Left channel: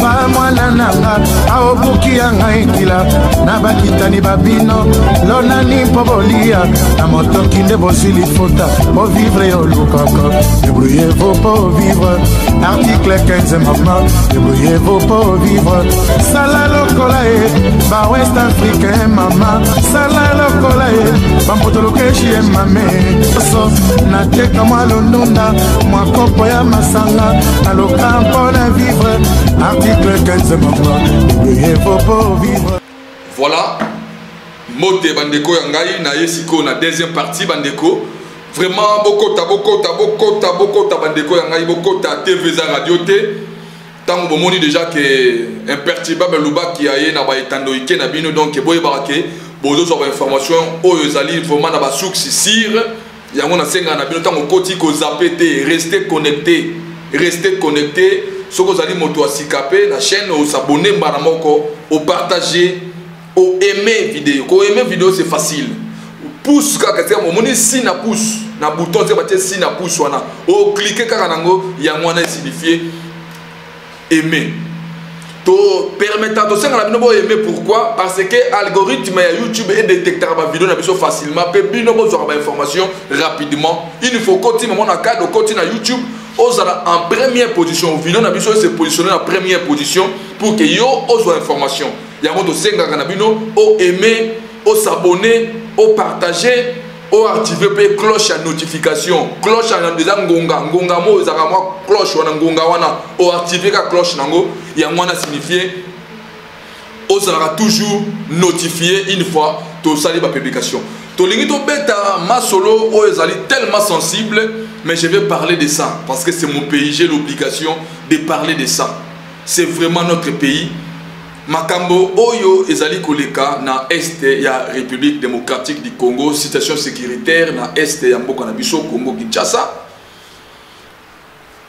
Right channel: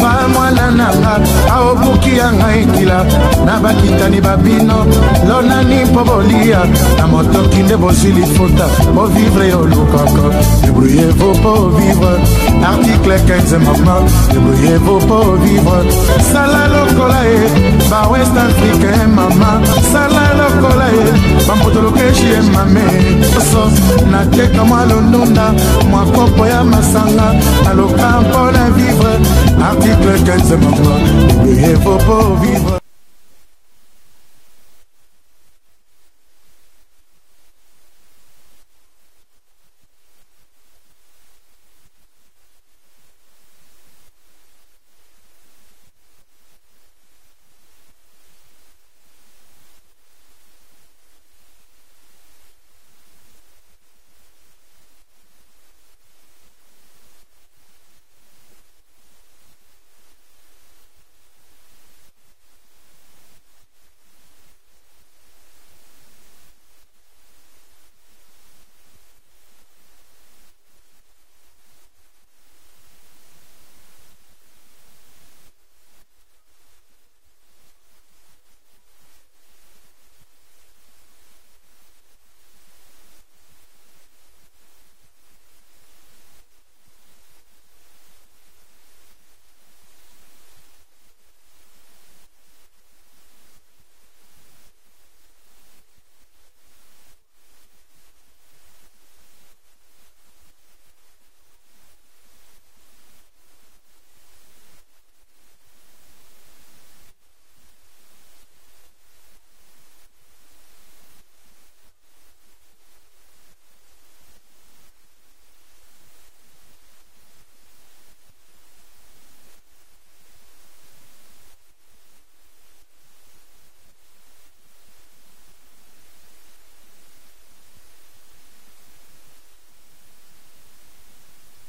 alfa mwana nanga aobuki ya ngai kila na bakitani babino lonani mpo bolia na motoki nde bozwi lifuta po vivre yo lukaka débrouillez-vous pour vivre article 15 mama débrouillez-vous pour vivre sala lokola e ba west africain mama sala lokola e bambotolokeshi e mame so nateka mwa londonda mwa kopo ya masanga naloka mpona vivre article 15 mama débrouillez-vous pour vivre. Voilà mote bandeko ya ngai na yesiko na deuxième partie bandeko. Vraiment bokota bandeko ya ngai bokota TV za radio te. Tant bomoni déjà que imperturbable luba qui aye na ba etando ike na bino donc boye barake bozo so information oyo ezali vraiment na ba source sir yango na senga na bino tant okoti ko zapete rester connecté soko zali moto asikape la chaîne au s'abonner mbana moko au partager au aimer vidéo ko aimer vidéo c'est facile pouce kaka te momoni si na pouce na bouton te batie si na pouce wana o cliquer kaka nango yango wana signifie aimer to permettant to senga na bino bo aimer pourquoi parce que algorithme ya YouTube est détecteur ba vidéo na biso facilement pe bino bo zora ba information rapidement il faut continuer mon cadre continuer na YouTube ozala en première position vidéo na biso se positionner en première position pour que yo ozo information yango to senga na bino o aimer o s'abonner o partager o activer pe cloche à notification cloche à déjà ngonga mo ezaka moi cloche wana ngonga wana o activer ka cloche nango yango wana signifie o sera toujours notifié une fois to sali ba publication to lingi to beta ma solo o ezali tellement sensible mais je vais parler de ça parce que c'est mon pays, j'ai l'obligation de parler de ça. C'est vraiment notre pays. Makambo oyo ezali koleka na este ya République démocratique du Congo, situation sécuritaire na este ya mboka na biso Congo Kinshasa.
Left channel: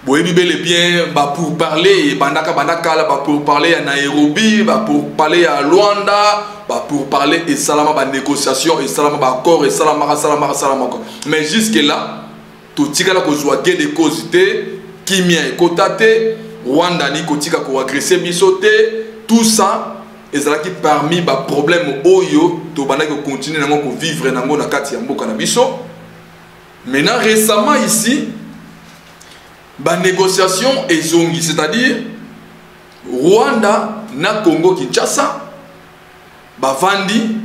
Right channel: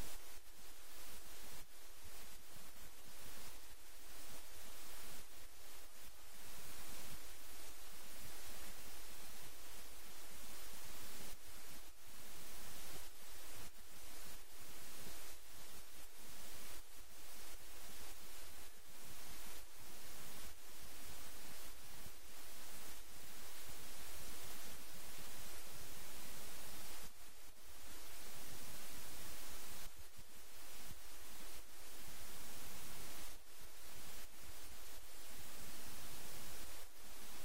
Boyebi bel et bien ba pour parler bandaka la ba pour parler à Nairobi, ba pour parler à Luanda, ba pour parler et salama ba négociation et salama ba accord et salama. Mais jusque là tout tika la kozwa gain de cause te kimia ekota te Rwanda ni kotika ko agresser biso te tout ça ezalaki parmi ba problème oyo to bandaki continuer nango ko vivre nango na kati ya mboka na biso. Maintenant récemment ici ba négociation ezongi c'est-à-dire Rwanda na Congo Kinshasa ba vandi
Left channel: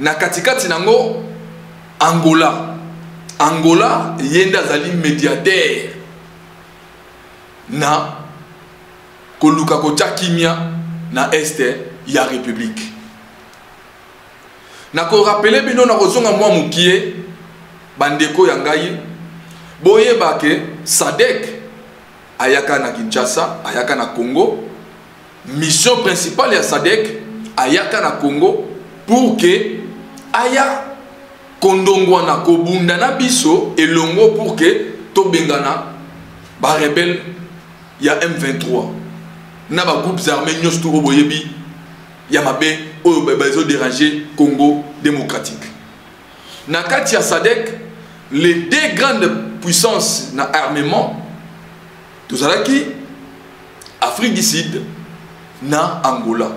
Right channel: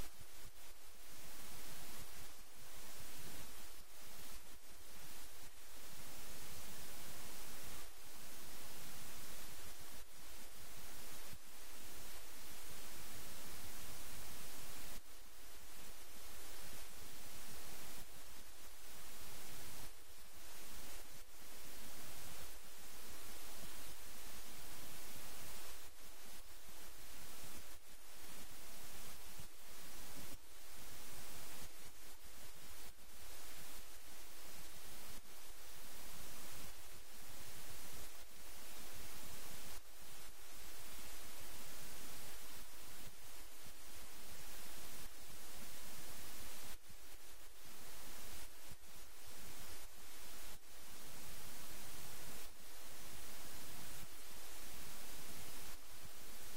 na katikati nango Angola yenda zali médiateur na koluka kocha kimia na este ya République. Na ko rappeler bino na kozonga mwa mukie bandeko ya ngai boye bake Sadek ayaka na Kinshasa ayaka na Congo. Mission principale ya Sadek ayaka na Congo pour que aya kondongwa na kobunda na biso elongo pour que to bengana ba rebelle ya M23 na ba groupes armés nyos to boyebi ya mabe oyo bazo déranger Congo démocratique. Na kati ya Sadek les deux grandes puissances na armement tozalaki Afrique du Sud na Angola.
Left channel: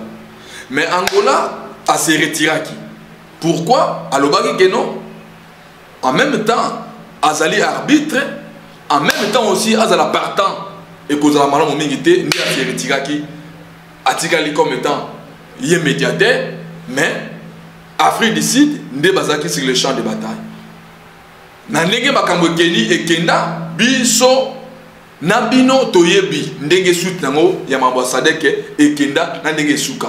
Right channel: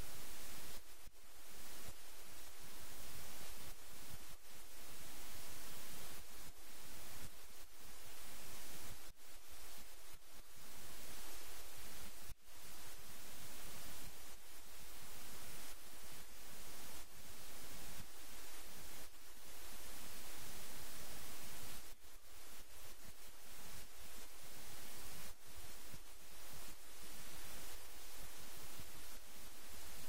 Mais Angola a se retiraki. Pourquoi? Alobaki que non. En même temps, Azali arbitre, en même temps aussi Azala partant et Kozala Malam Mingite ni a se retiraki. Atikali comme étant yé médiateur, mais Afrique du Sud ne bazaki sur le champ de bataille. Na ndenge makambo keni e kenda biso na bino toyebi ndenge suite nango ya ambassadeur e kenda na ndenge suka.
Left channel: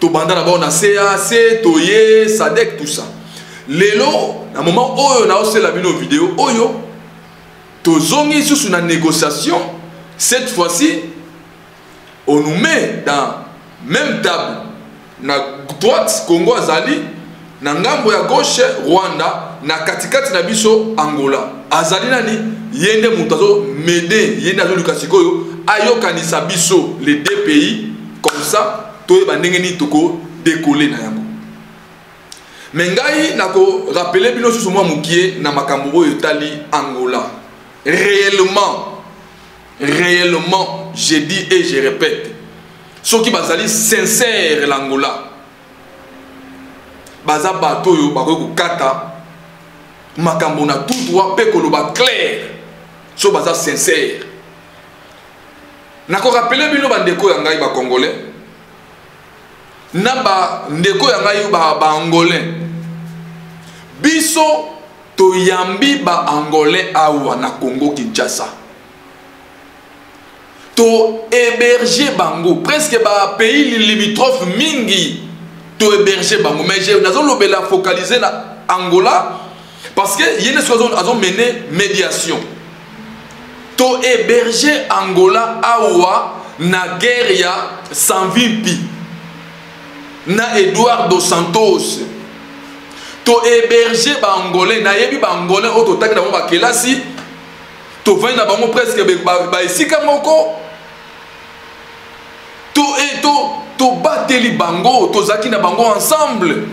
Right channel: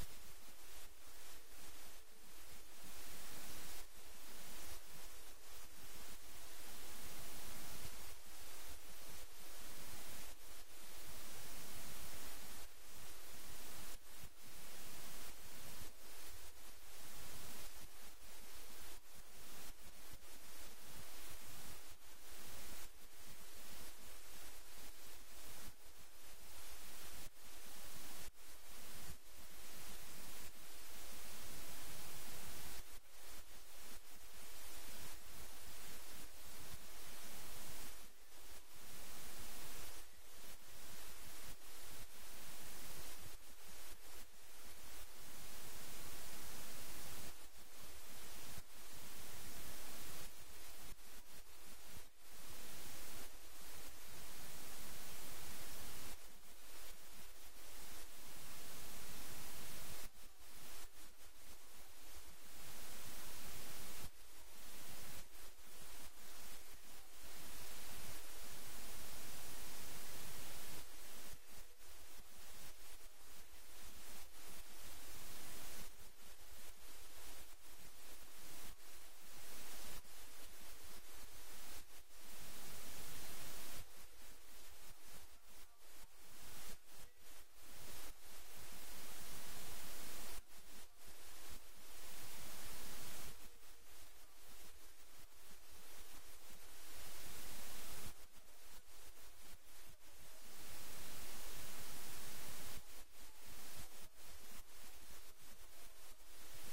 To banda na ba na CAC toye Sadek tout ça. Lelo na moment oyo na osela bino vidéo oyo to zongi sous na négociation cette fois-ci on nous met dans même table na droite Congo azali na ngambo ya gauche Rwanda na katikati na biso Angola azali nani yende mutazo mede yende azo lukasikoyo ayokanisa biso les deux pays comme ça to bandenge ni toko décoller na yango. Mais ngai nako rappeler bino sous moi mukie na makambo oyo tali Angola réellement réellement, je dis et je répète, ceux qui bazali sincère l'Angola, baza bato yo bako kata makambo na tout droit pe ko ba clair, so baza sincère. Nako rappeler bino bandeko ya ngai ba congolais, na ba ndeko ya ngai ba angolais, biso to yambi ba angolais awa na Congo Kinshasa. To héberger bango presque ba pays limitrophe mingi to héberger bango, mais j'ai nazo lobela focaliser na Angola parce que yene sozo azo mené médiation to héberger Angola awa na guerre ya Sanvimpi na Eduardo dos Santos, to héberger ba angolais na yebi ba angolais auto taki na ba kelasi to vient na bango presque ba esika moko to bateli bango to zaki na bango ensemble.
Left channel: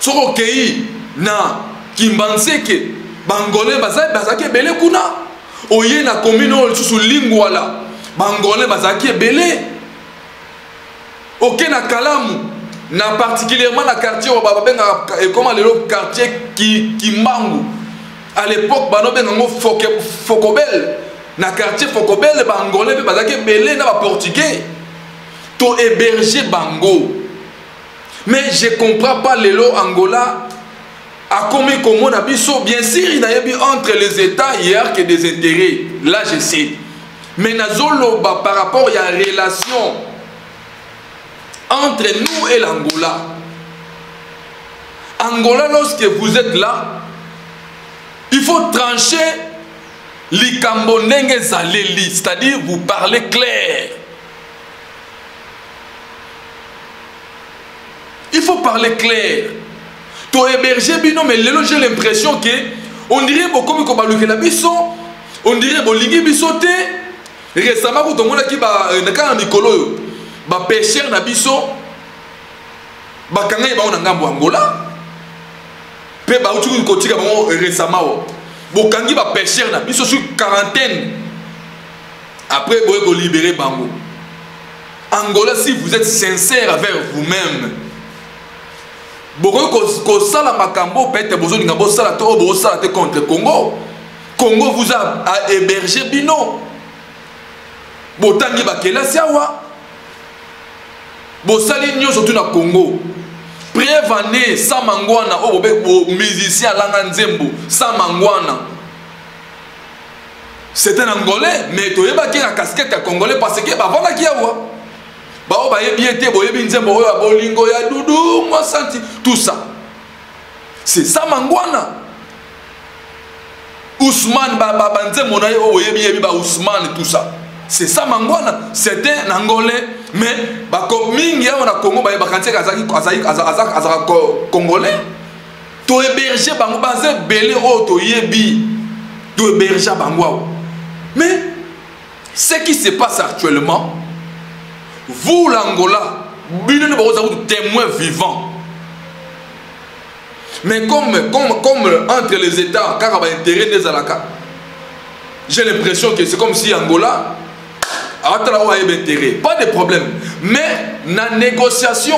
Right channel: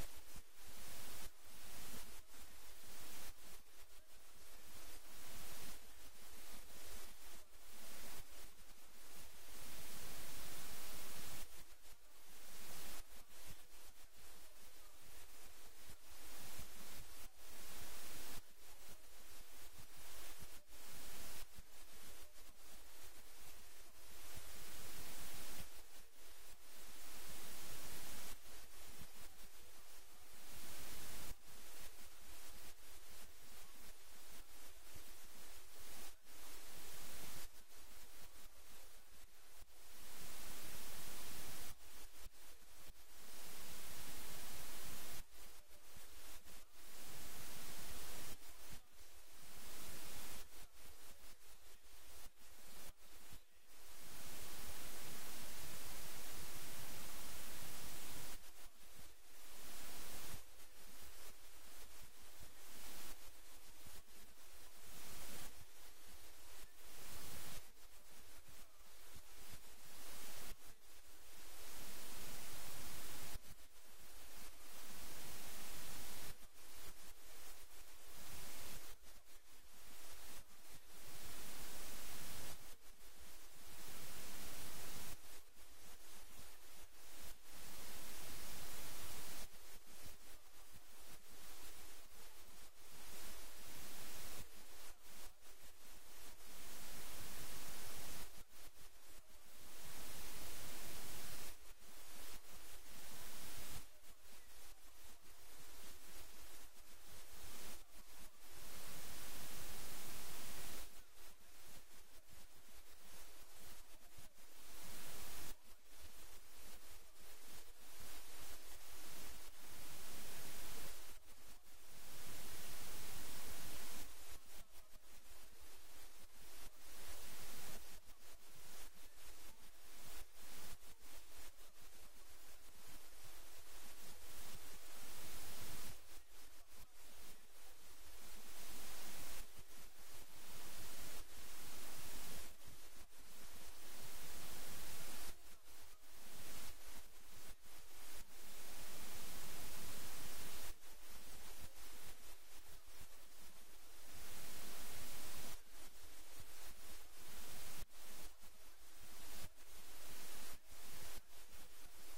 Soko kei na Kimbanseke bangolais bazaki belé kuna oye na commune susu lingwala bangolais bazaki belé ok na Kalamu na particulièrement na quartier babenga comment le quartier Kimbangu à l'époque bano benga Fokobel na quartier Fokobel bangolais bazaki belé na ba portugais to héberger bango. Mais je comprends pas les lots Angola a commis comme on a biso. Bien sûr il y a entre les États il y a que des intérêts, là je sais, mais nazolo par rapport à la relation entre nous et l'Angola. Angola, lorsque vous êtes là, il faut trancher l'ikambonenge zaleli, c'est-à-dire vous parlez clair. Il faut parler clair. To héberger bino, mais j'ai l'impression que on dirait beaucoup comme la biso, on dirait bolingi bisote. Récemment, quand on a qui ba nakana mikolo, ba pêcheur na biso, ba kanga ba on ngambo Angola. Pe ba utu kotika ba récemment. Bo kangi ba pêcheur na biso sur quarantaine. Après boye go libérer bango. Angola, si vous êtes sincère avec vous-même, ko sala makambo peut-être besoin de ngabo sala to bo sala te contre Congo. Congo vous a hébergé bino. Botangi bakela siawa. Bo sali nyo surtout na Congo. Prévané Samangwana o bo musicien langa nzembo Samangwana. C'est un Angolais mais to yeba ki na casquette ya Congolais parce que ba voilà ki awa. Bao ba yebi ete bo yebi nzembo oyo abolingo ya dudu moi senti tout ça. C'est Samangwana. Ousmane ba nzembo na yo yebi ba Ousmane tout ça. C'est Samangwana, c'est un Angolais mais ba ko mingi ya na Congo ba kanti azaki Congolais. To héberger bango bazé belé o to yebi. To héberger bango. Mais ce qui se passe actuellement, vous l'Angola, vous êtes témoin vivant. Mais comme entre les États, car il y a intérêt des Alaka, j'ai l'impression que c'est comme si Angola a intérêt. Pas de problème. Mais la négociation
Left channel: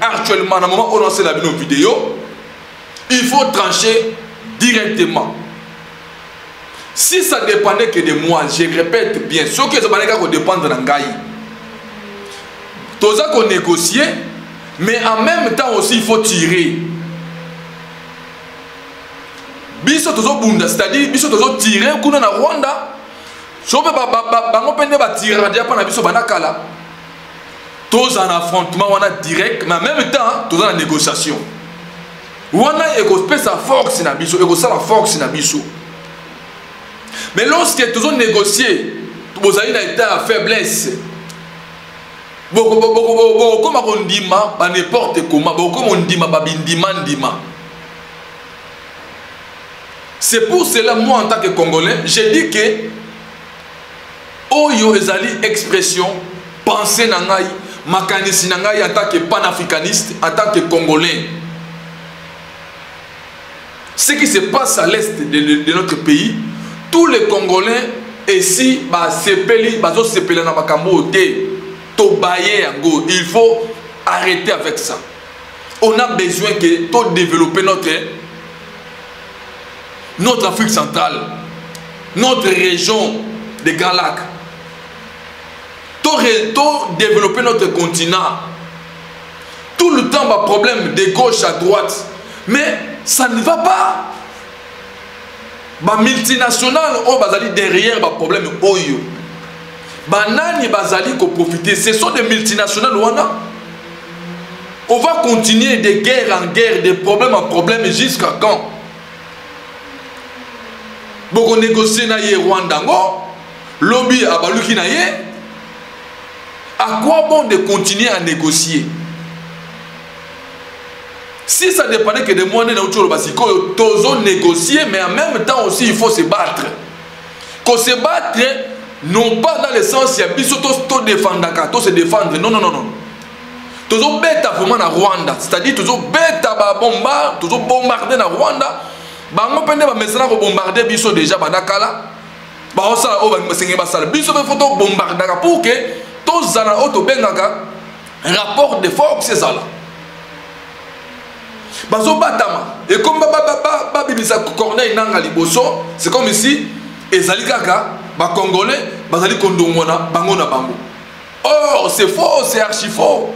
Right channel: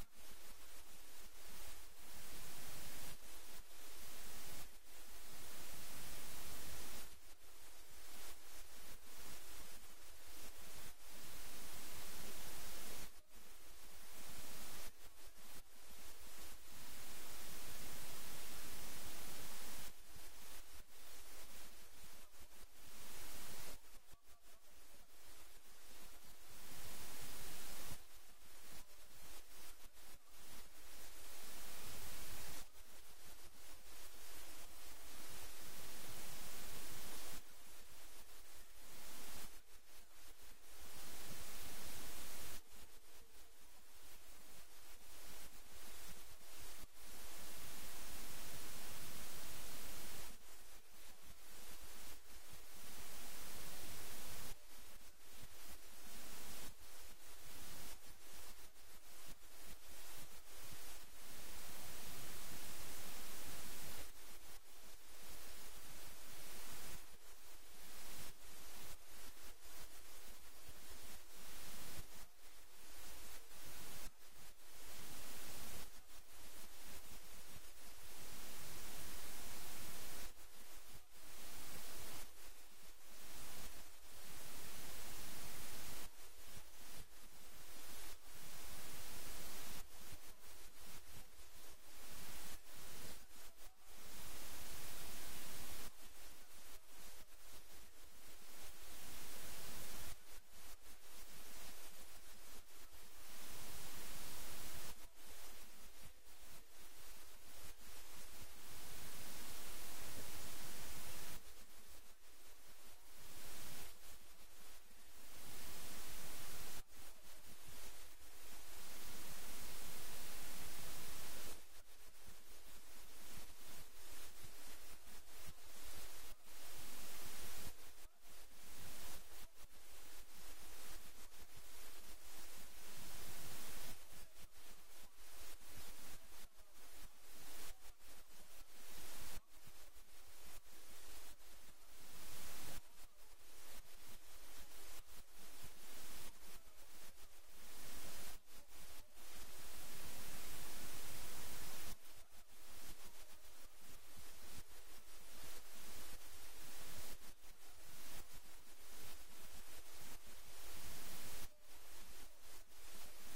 actuellement, dans le moment où on lance la vidéo, il faut trancher directement. Si ça dépendait que de moi, je répète bien, ce que ça dépend de l'Angaï. Tout ça qu'on négocie, mais en même temps aussi il faut tirer. Biso tozo bunda, c'est-à-dire biso tozo tirer kuna na Rwanda. Sobe bango pende ba tirer dia pa na biso banakala. Tous en affrontement on a direct, mais en même temps tous en négociation. Wana ego pesa sa force na biso, ego sa la force na biso. Mais lorsque tous négocier, vous avez une état à faiblesse. Comme on dit n'importe comment, comme on dit ndima. C'est pour cela, moi en tant que Congolais, j'ai dit que Oyo ezali expression, pensée nangai, makanisi nangai en tant que panafricaniste, en tant que Congolais. Ce qui se passe à l'est de notre pays, tous les Congolais et si sepeli bazo sepela na makambo te to baye yango, il faut arrêter avec ça. On a besoin que to développer notre Afrique centrale, notre région des Grands Lacs, to développer notre continent. Tout le temps un problème de gauche à droite, mais ça ne va pas. Ba multinationales au bazali derrière ba problème oyo. Banani bazali ko profiter, ce sont des multinationales wana. On va continuer de guerre en guerre, de problème en problème jusqu'à quand? Boko négocier na ye Rwanda ngo, lobby a baluki na ye. À quoi bon de continuer à négocier? Si ça dépendait que de moi, nous négocier, mais en même temps aussi, il faut se battre. Qu'on se battre, non pas dans le sens, il y a tout défendre, tout se défendre. Non, non, non, non. Toujours bêta vraiment na Rwanda. C'est-à-dire, toujours bêta bomba, toujours bombarder na Rwanda. Bango pende ba mesana ko bombarder biso déjà badakala. Ba osala o ba mesengi basala. Biso be photo bombarder pour que tous zana auto bengaka rapport de force c'est ça là. Bazo batama et comme ba bibisa Corneille nanga liboso, c'est comme ici ezali kaka ba congolais bazali kondongona bango na bango. Or c'est faux, c'est archi faux.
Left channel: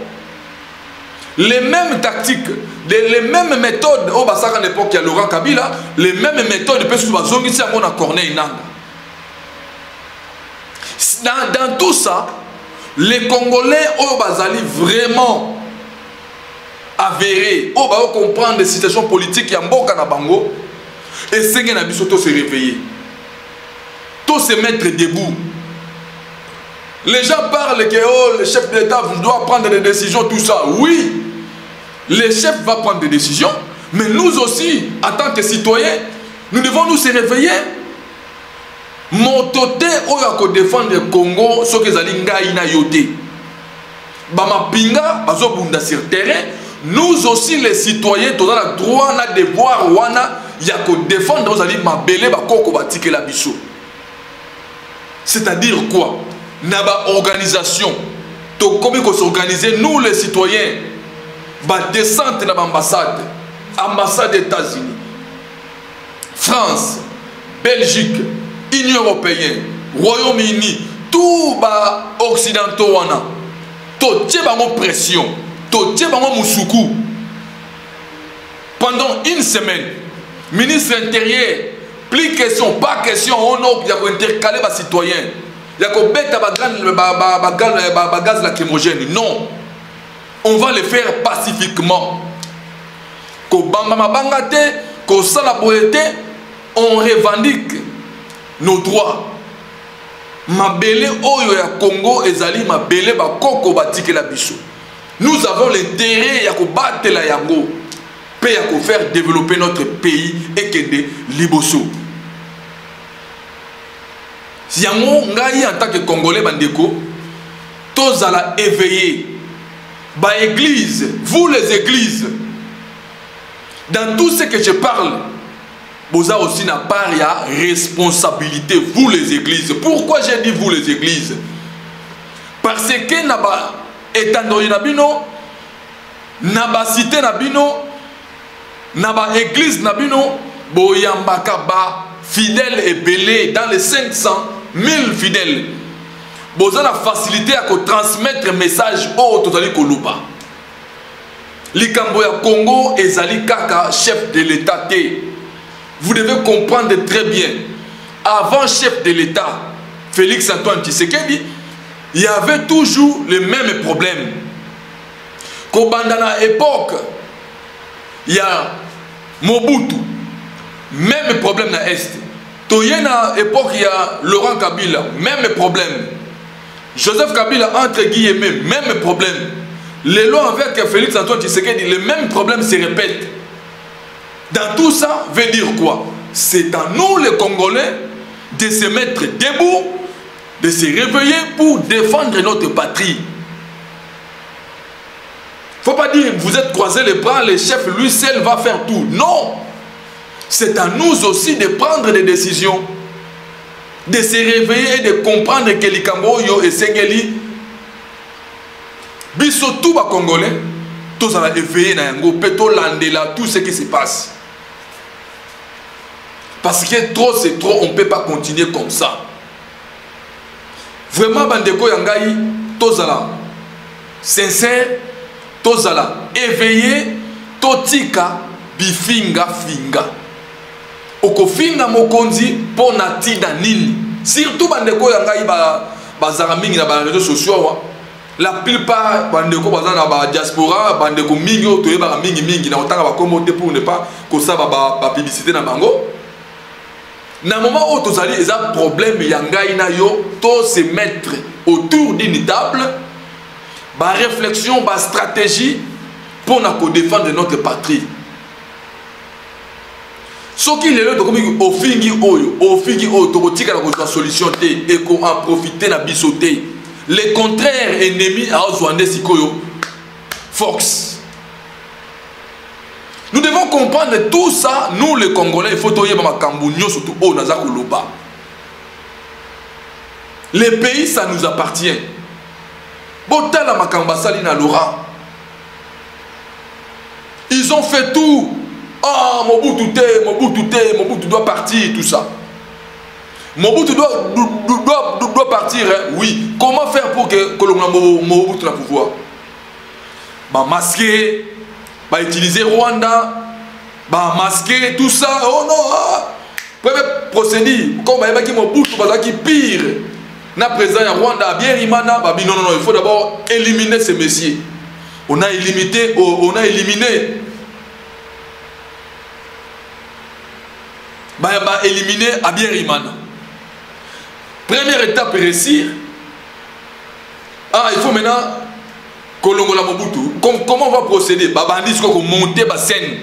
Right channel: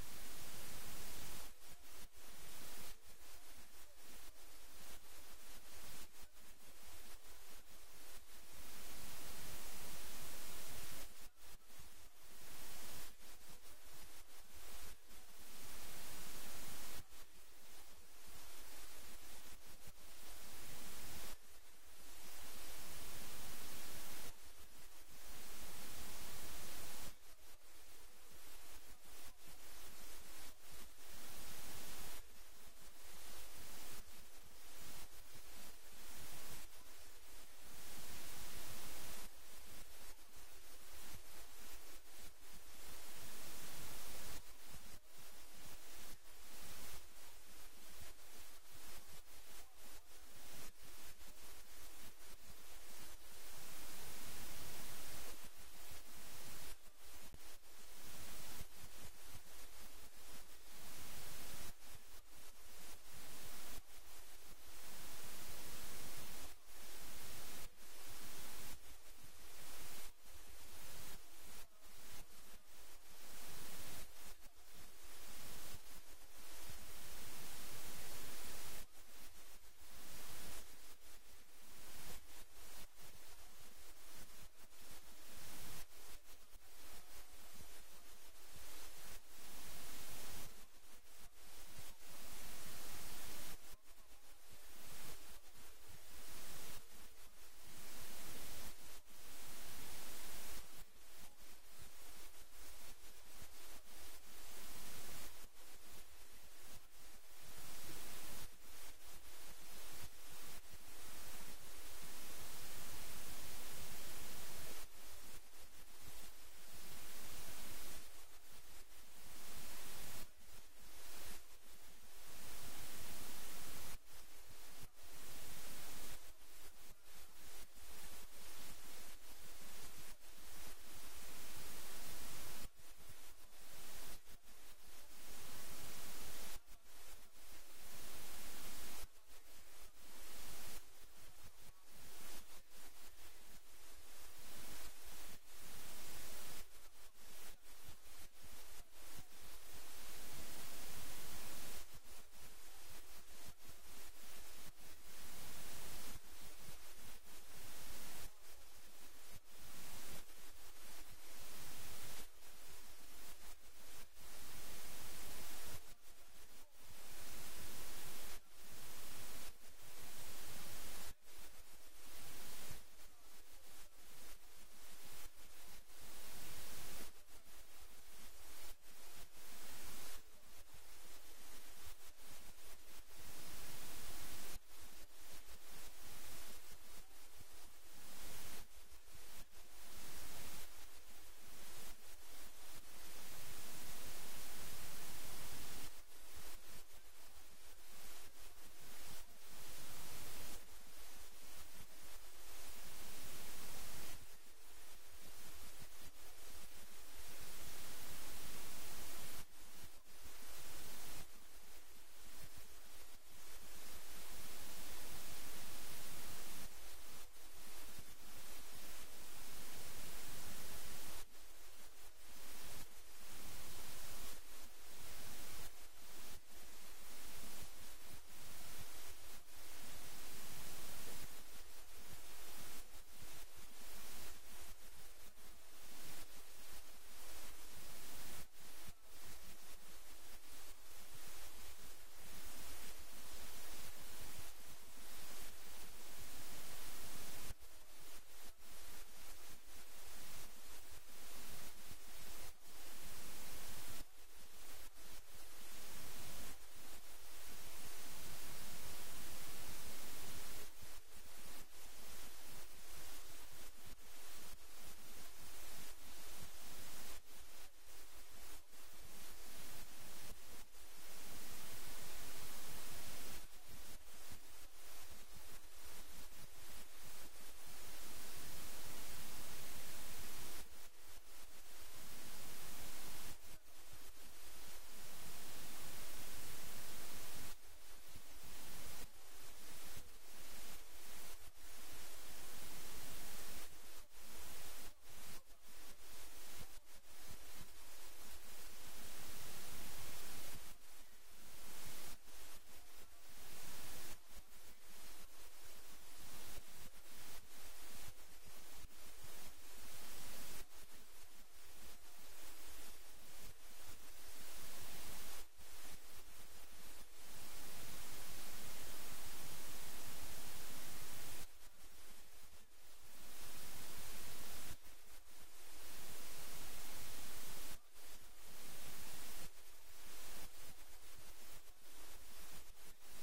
Les mêmes tactiques, les mêmes méthodes au Bassaka à l'époque il y a Laurent Kabila, les mêmes méthodes peut se bazongi si à Corneille nanga. Dans tout ça, les Congolais au Bazali vraiment avérés, au Bao comprendre les situations politiques qui Mboka na bango et c'est na biso to se réveiller. Tout se mettre debout. Les gens parlent que oh, le chef de l'État doit prendre des décisions, tout ça. Oui, le chef va prendre des décisions, mais nous aussi, en tant que citoyens, nous devons nous se réveiller. Mon toté oyako défendre le Congo, ce que zali ngai na yoté. Bama pinga, bazo bunda sur terrain. Nous aussi les citoyens, tous la droit, na devoir wana yako défendre aux ali mabele bakoko batike la biso. C'est-à-dire quoi? Naba organisation. To comment qu'on s'organiser nous les citoyens. Ba descente na ambassade, ambassade des États-Unis, France, Belgique, Union européenne, Royaume-Uni, tout bas occidentaux wana, to tie bango pression, to tie bango musuku. Pendant une semaine, ministre intérieur, plus question, pas question, on a intercalé les citoyens. Il y a qu'on bête à gaz lacrymogène. Non. On va le faire pacifiquement. Qu'on bamba bangate, qu'on salaboyete, on revendique nos droits. Mabele oyo ya Congo ezali mabele ba koko batike la biso. Nous avons l'intérêt ya ko battre la yango, pe ya ko faire développer notre pays et kende liboso. Yango ngai en tant que Congolais bandeko, tous à la éveiller. Ba église, vous les églises, dans tout ce que je parle, vous avez aussi n'a pas de responsabilité, vous les églises. Pourquoi j'ai dit vous les églises? Parce que naba étendue nabino, naba cité nabino, naba église nabino, boyambaka ba fidèles et belés dans les 500 000 fidèles. Vous avez la facilité à transmettre un message au Totali Koluba. Likamboya Congo et Zali Kaka, chef de l'État. Vous devez comprendre très bien. Avant chef de l'État, Félix Antoine Tshisekedi, il y avait toujours les mêmes problèmes. Kobandana époque, il y a Mobutu, même problème dans l'Est. Toyena époque, il y a Laurent Kabila, même problème. Joseph Kabila, entre guillemets, même problème. Les lois avec Félix Antoine Tshisekedi, le même problème se répète. Dans tout ça, veut dire quoi? C'est à nous les Congolais de se mettre debout, de se réveiller pour défendre notre patrie. Il ne faut pas dire vous êtes croisés les bras, le chef lui seul va faire tout. Non! C'est à nous aussi de prendre des décisions. de se réveiller et de comprendre que les Cambodgiens et Sengeli, biso tout les Congolais, tous à éveiller na yango, peto landela tout ce qui se passe. Parce que trop c'est trop, on ne peut pas continuer comme ça. Vraiment, bandeko yangai, tous à la sincère, tous à la éveillé, totika, bifinga finga. Okofinga mokonzi po nati na nini. Surtout bandeko yangai bazara mingi na ba réseaux sociaux. La plupart bandeko bazana na ba diaspora, bandeko mingi otoye ba mingi mingi na otanga ba komote pour ne pas que ça ba publicité na bango. Na moment où tous allez, ils ont problème yangai na yo, tous se mettre autour d'une table, ba réflexion, ba stratégie pour nous défendre notre patrie. Ce qui est là, comme au fingi oyo, tokotika la solution té et qu'on en profiter na bisoté. Le contraire ennemi à Ozwande Sikoyo, Fox. Nous devons comprendre tout ça, nous les Congolais, il faut toyer ma Cambunyo surtout au Nazakoloba. Les pays, ça nous appartient. Botala Makambasali na Laurent. Ils ont fait tout. Ah, Mobutu doit partir, tout ça. Mobutu doit partir, hein? Oui. Comment faire pour que Mobutu ait le pouvoir? Bah, masquer. Bah, utiliser Rwanda, bah, masquer tout ça. Oh non, procéder comme il y a Mobutu qui pire. Na présent à Rwanda, bien Rimana, bah, non, il faut d'abord éliminer ces messieurs. On a éliminé. Bah, éliminer à bien Rimana. Première étape réussir. Ah, il faut maintenant Kolongola Mobutu. Comment on va procéder? Babandi qu'on monter la scène.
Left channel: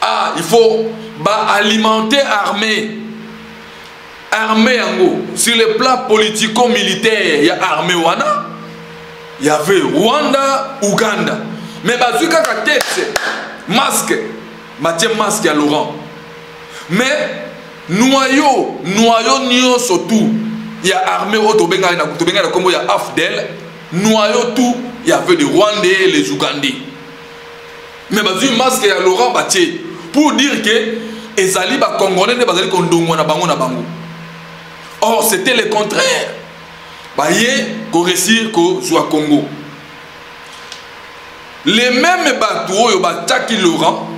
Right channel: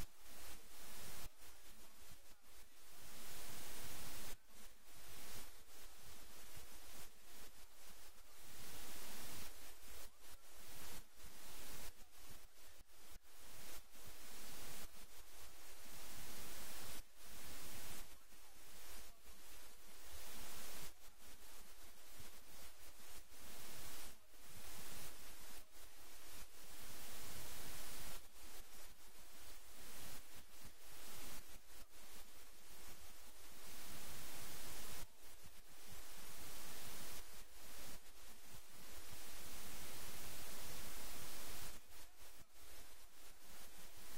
Ah, il faut alimenter armée. Armée en gros. Sur le plan politico-militaire, il y a armée Wana. Il y avait Rwanda, Ouganda. Mais bazuka ka tête, masque, Mathieu masque à Laurent. Mais noyau nio surtout. Il y a armée Otobenga comme il y a Afdel. Noyau tout, il y avait les Rwandais et les Ougandais. Mais bazu masque à Laurent Batier pour dire que ezali ba Congolais ne bazali kondongo na bango na bango. Or c'était le contraire. Baye ko réussir ko soit Congo. Les mêmes bateaux yo bataki Laurent,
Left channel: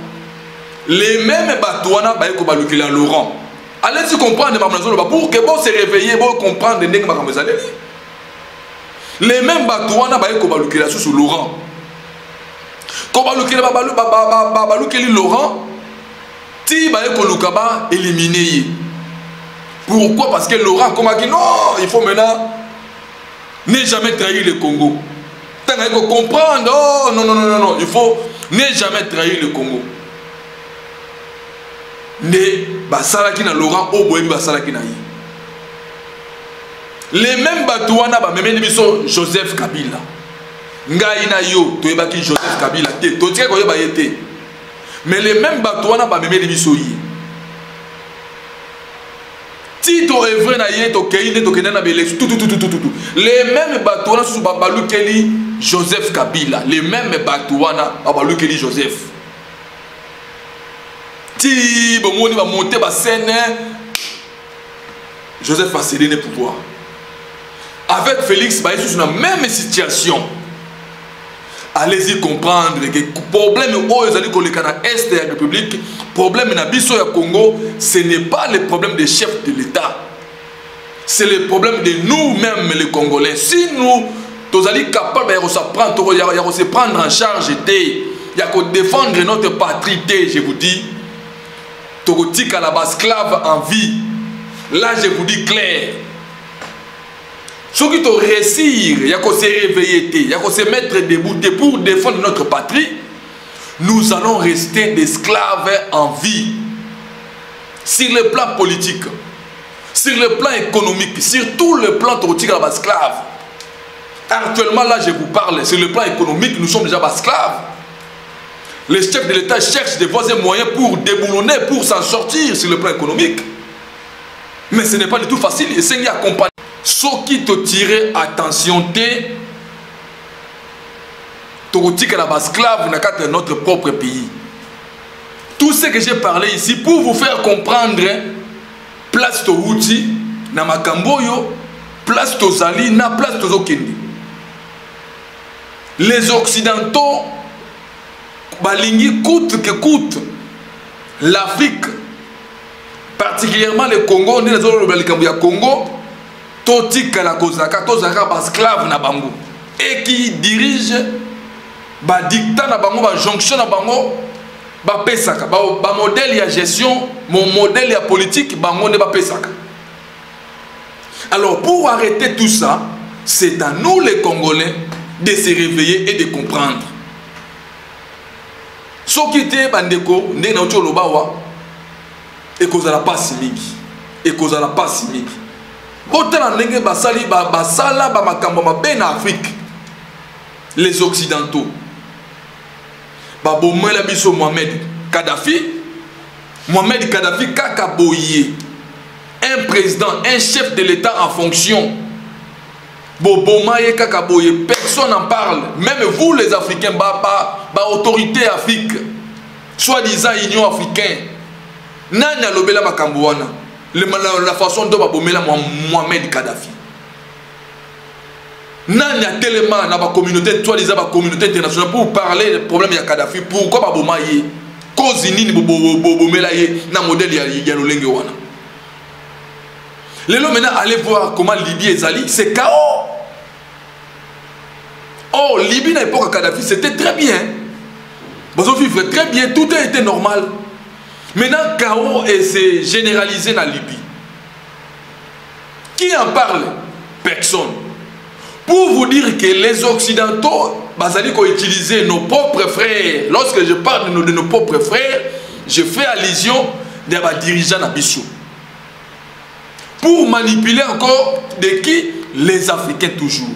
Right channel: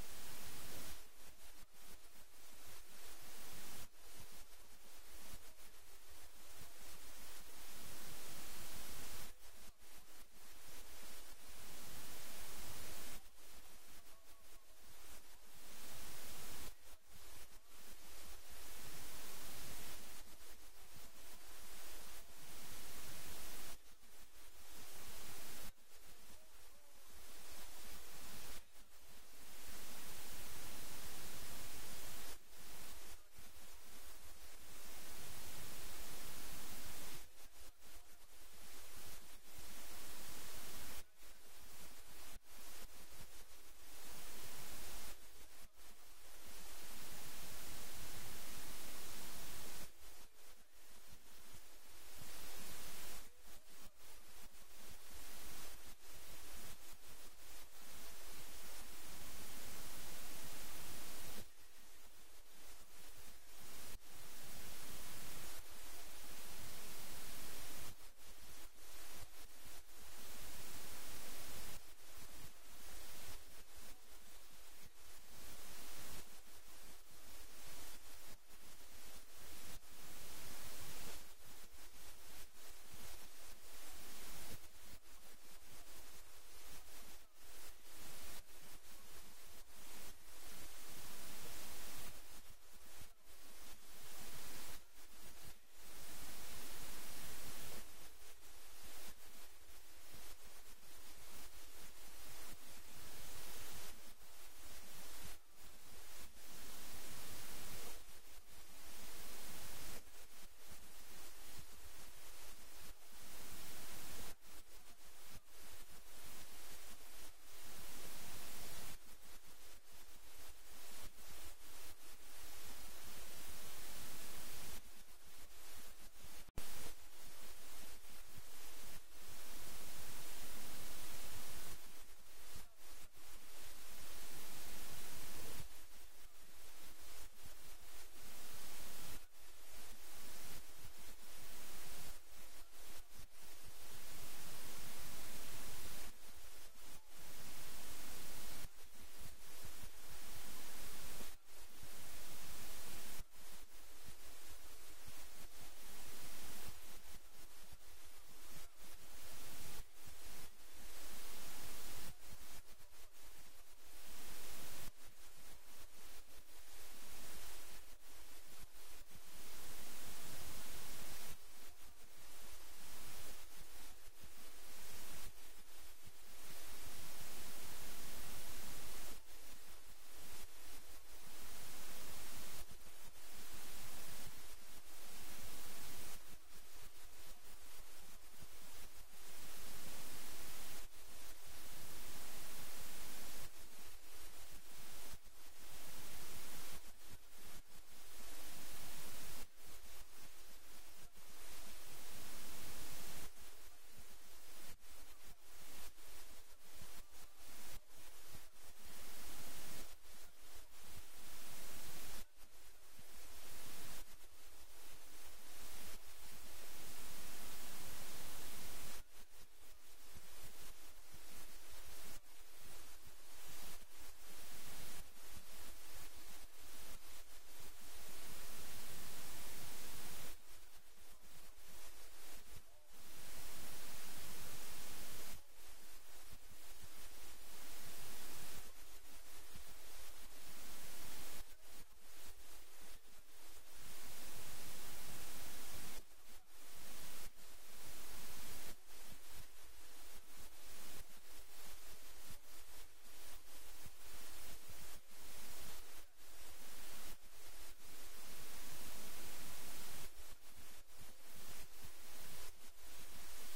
les mêmes bateaux na baye ko balukila Laurent. Allez-y comprendre pour que vous se réveillez, vous comprendre les mêmes bateaux na baye ko balukila sous Laurent. Ko balukila balukeli Laurent, ti baye ko lukaba éliminer. Pourquoi? Parce que Laurent comme a dit non, il faut maintenant ne jamais trahir le Congo. Tant qu'il faut comprendre, oh non, il faut ne jamais trahir le Congo. Ne basalaki na Laurent au boyebi basalaki na yi. Les mêmes batouana ba memeni biso Joseph Kabila. Ngai na yo toyebaki Joseph Kabila te, to tika ko yeba yete. Mais les mêmes batouana ba memeni biso yi. Tito est vrai na yeto keine to kenana belex tout. Les mêmes batouana sous babalukeli Joseph Kabila, les mêmes batouana babalukeli Joseph. Ti bomoni va monter ba scène Joseph va céder le pouvoir. Avec Félix ba sous la même situation. Allez-y comprendre que le problème où ils allaient coller à l'Est de la République, problème na biso ya Congo, ce n'est pas le problème des chefs de l'État. C'est le problème de nous-mêmes les Congolais. Si nous sommes capables de se prendre en charge, de défendre notre patrie, je vous dis, Togotika la esclave en vie. Là, je vous dis clair. Ceux qui ont réussi, il y a qu'à se réveiller, il y a qu'à se mettre debout pour défendre notre patrie. Nous allons rester d'esclaves en vie. Sur le plan politique, sur le plan économique, sur tout le plan Togotika la esclave. Actuellement, là, je vous parle, sur le plan économique, nous sommes déjà esclaves. Les chefs de l'État cherchent des voies et moyens pour déboulonner, pour s'en sortir sur le plan économique. Mais ce n'est pas du tout facile. Et c'est accompagné. Ce qui te tire attention, tu es esclave dans notre propre pays. Tout ce que j'ai parlé ici pour vous faire comprendre, place to outil, na makamboyo, place to zali, na place to zokindi. Les Occidentaux, balingi coûte que coûte, l'Afrique, particulièrement le Congo, on est dans le Congo, totika la kozaka, tozaka esclave na bango, et qui dirige, dictat na bango, jonction na bango. Pesaka, modèle de gestion, mon modèle de politique, bango ne pesaka. Alors pour arrêter tout ça, c'est à nous les Congolais de se réveiller et de comprendre. Ce qui était bandeko, ne na ucho lobawa, et cause la passe mingi, et cause la passe mingi. Autant ndenge basali basala ba makambo mabe na Afrique, les Occidentaux. Babomela biso Mohamed Kadhafi kaka boye un président, un chef de l'État en fonction. Bobomaye kaka boye, personne n'en parle. Même vous les Africains, autorité Afrique, soi-disant Union africaine. Nanya lobela makamboana. La façon dont babomela Mohamed Kadhafi. Nanya tellement dans la communauté, toi disant la communauté internationale pour parler des problèmes de Kadhafi. Pourquoi babomaye cause nini bobomelaye na modèle ya lolenge wana. Les maintenant allez voir comment Libye est allée, c'est chaos. Oh, Libye à l'époque Kadhafi c'était très bien. Ils ont vécu très bien, tout a été normal. Maintenant chaos et c'est généralisé dans Libye. Qui en parle? Personne. Pour vous dire que les Occidentaux, ont utilisé nos propres frères. Lorsque je parle de nos propres frères, je fais allusion des dirigeants d'Abissou. Pour manipuler encore de qui? Les Africains toujours.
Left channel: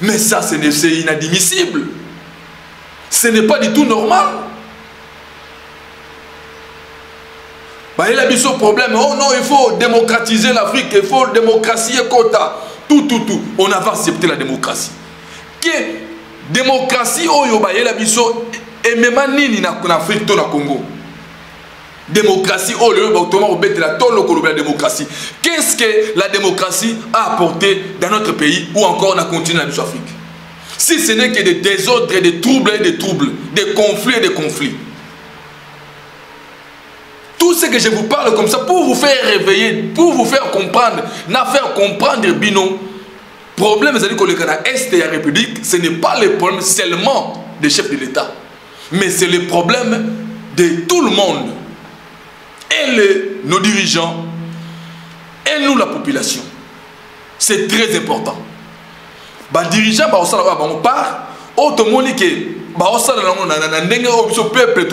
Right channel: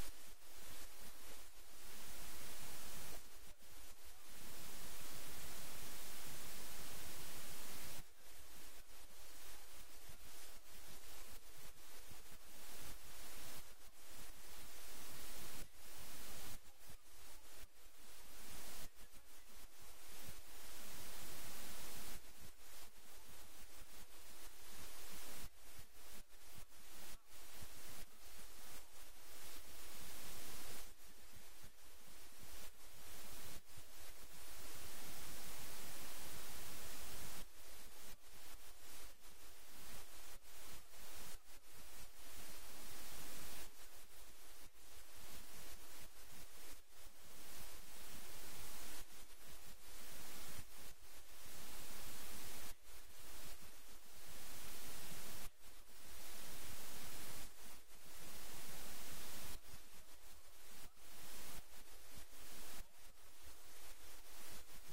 Mais ça, c'est inadmissible. Ce n'est pas du tout normal. Il y a un problème. Oh non, il faut démocratiser l'Afrique, il faut démocratiser quota. Tout. On a accepté la démocratie. Que démocratie, oh yo ba yela biso et même nini na Afrique to na Congo. Démocratie, oh le automatiquement obéit la tolo ko la démocratie. Qu'est-ce que la démocratie a apporté dans notre pays ou encore dans le continent de l'Afrique? Si ce n'est que des désordres, des troubles, des conflits. Tout ce que je vous parle comme ça pour vous faire réveiller, pour vous faire comprendre, Bino, problème c'est que le Canada Est de la République, ce n'est pas le problème seulement des chefs de l'État, mais c'est le problème de tout le monde, et nos dirigeants, et nous la population. C'est très important. Les dirigeants, on part, autrement que peuple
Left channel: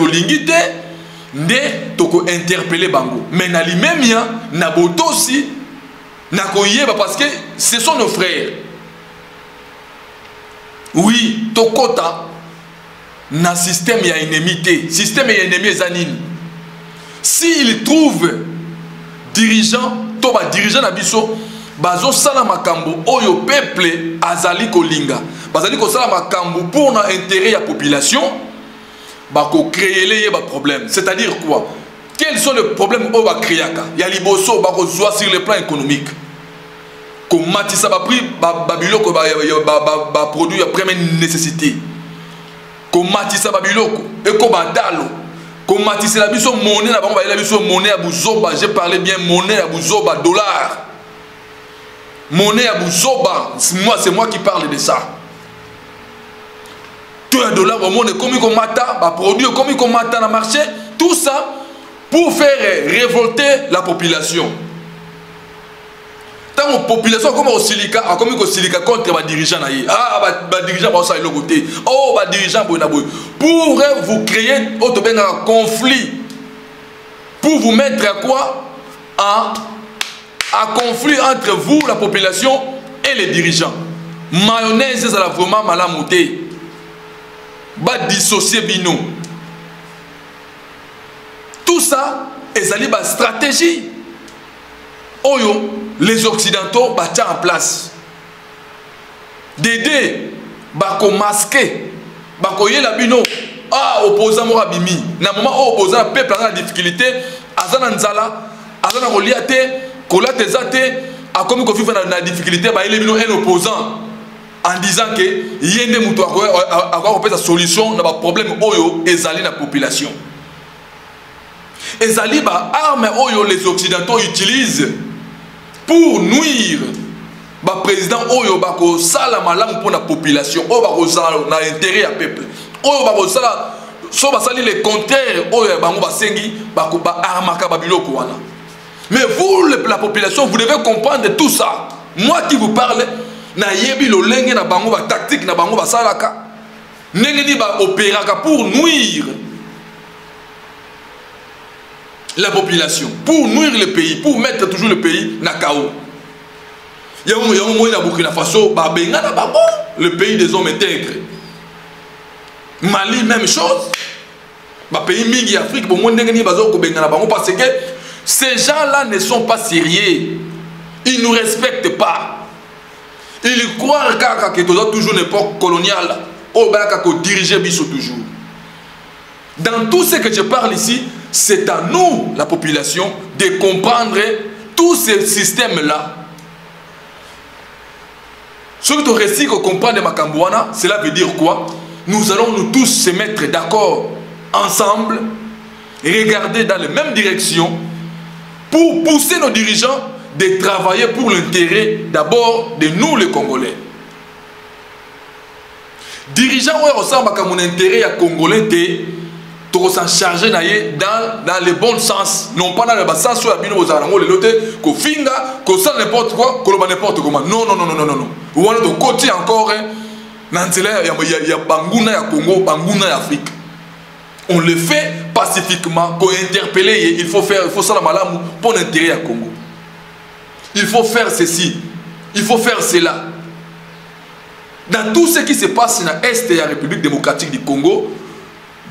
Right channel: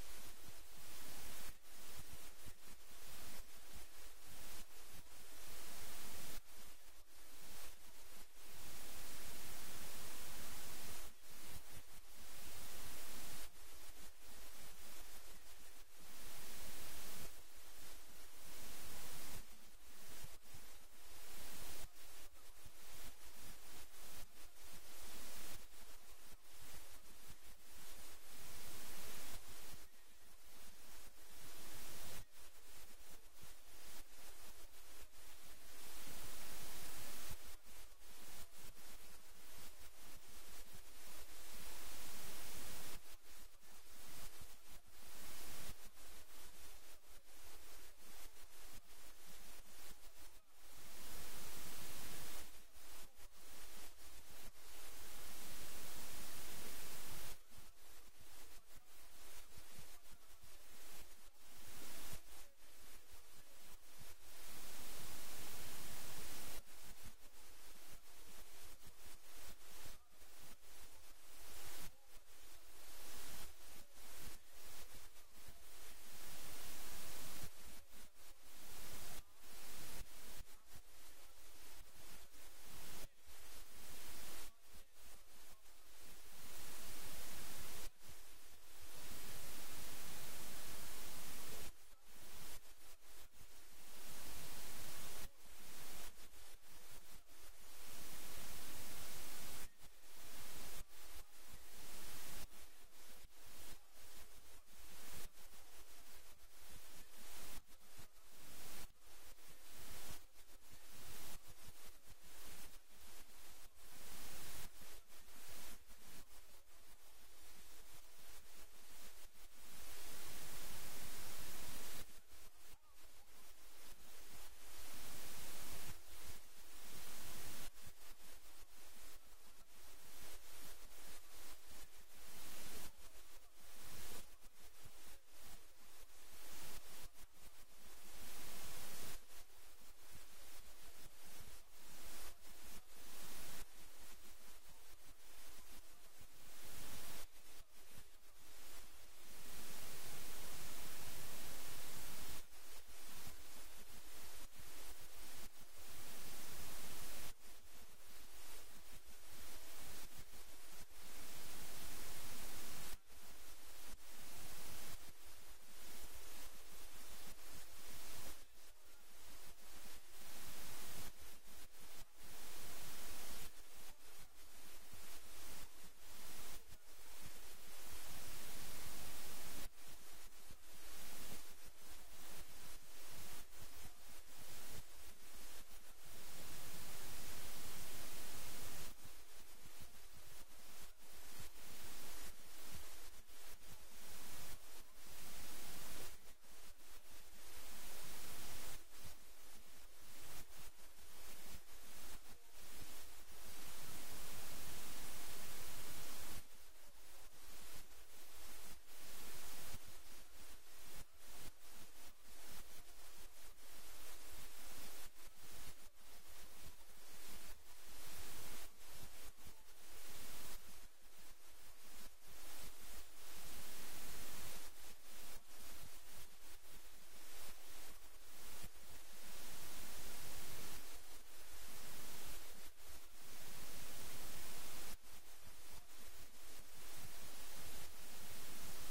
nde toko interpeller bango mais na limemia na boto aussi na koyeba parce que ce sont nos frères. Oui, tokota na système ya ennemité, système ya ennemi zanine. S'ils trouvent dirigeant to ba dirigeant na biso bazo sala makambo oyo peuple azali kolinga bazali ko sala makambo pour na intérêt ya population. Bako créer les problèmes. C'est-à-dire quoi? Quels sont les problèmes au Bakriaka? Il y a liboso bako zoa sur le plan économique. Comme Matissa ba prix babiloko ba produit à première nécessité. Comme Matissa babiloko et comme badalo. Comme Matissa la biso monnaie na bango ba la biso monnaie à buzoba, j'ai parlé bien monnaie à buzoba dollar. Monnaie à buzoba, c'est moi qui parle de ça. Tout un dollar au monde, comme il mata, produit comme il mata dans le marché, tout ça pour faire révolter la population. Tant la population comme au silica, comme au silica contre les dirigeants, les dirigeants vont s'aller de l'autre côté. Oh, les dirigeants pour vous créer un conflit, pour vous mettre à quoi? À conflit entre vous, la population et les dirigeants. Mayonnaise, ça va vraiment mal à monter. Va dissocier bino. Tout ça est une stratégie. oyo les occidentaux battent en place d'aider bako masquer bako yela bino opposant mora bimi na moment opposant peuple en difficulté azana nzala azana koliate kolate zate a comme ko fifa na difficulté ba yele bino un opposant en disant que yende muto akwa ko solution na ba problème oyo ezali na population ezali ba arme oyo les occidentaux utilisent pour nuire ba président oyo bako sala malamu pour la population oyo bako sala na intérêt à peuple oyo bako sala so ba sali le contraire oyo bango basengi bako ba armaka ba biloko wana. Mais vous la population vous devez comprendre tout ça. Moi qui vous parle na yebi lo lenge na bango ba tactique na bango ba salaka ndenge ni ba opéraka pour nuire la population, pour nuire le pays, pour mettre toujours le pays na chaos. Il y a un moment où Burkina Faso, le pays des hommes intègres. Mali, même chose. Le pays Mingi Afrique, parce que ces gens-là ne sont pas sérieux. Ils ne nous respectent pas. Ils croient que toujours une époque coloniale, au diriger Bissot toujours. Dans tout ce que je parle ici, c'est à nous, la population, de comprendre tous ces systèmes-là. Ce que tu réussis à comprendre de Makambouana, cela veut dire quoi? Nous allons nous tous se mettre d'accord ensemble, regarder dans la même direction pour pousser nos dirigeants de travailler pour l'intérêt d'abord de nous les Congolais. Dirigeants, ouais, ressemble à mon intérêt à Congolais, tu s'en charger dans le bon sens, non pas dans le sens où il y a des gens qui finga, qui sont n'importe quoi, qui n'importe comment. Non, non, non, non, non, non. Ou on est de côté encore, il y a Bangouna, il y a Congo, Bangouna, il y a Afrique. On le fait pacifiquement, qu'on interpeller, il faut ça la malam pour l'intérêt à Congo. Il faut faire ceci, il faut faire cela. Dans tout ce qui se passe dans l'Est et la République démocratique du Congo,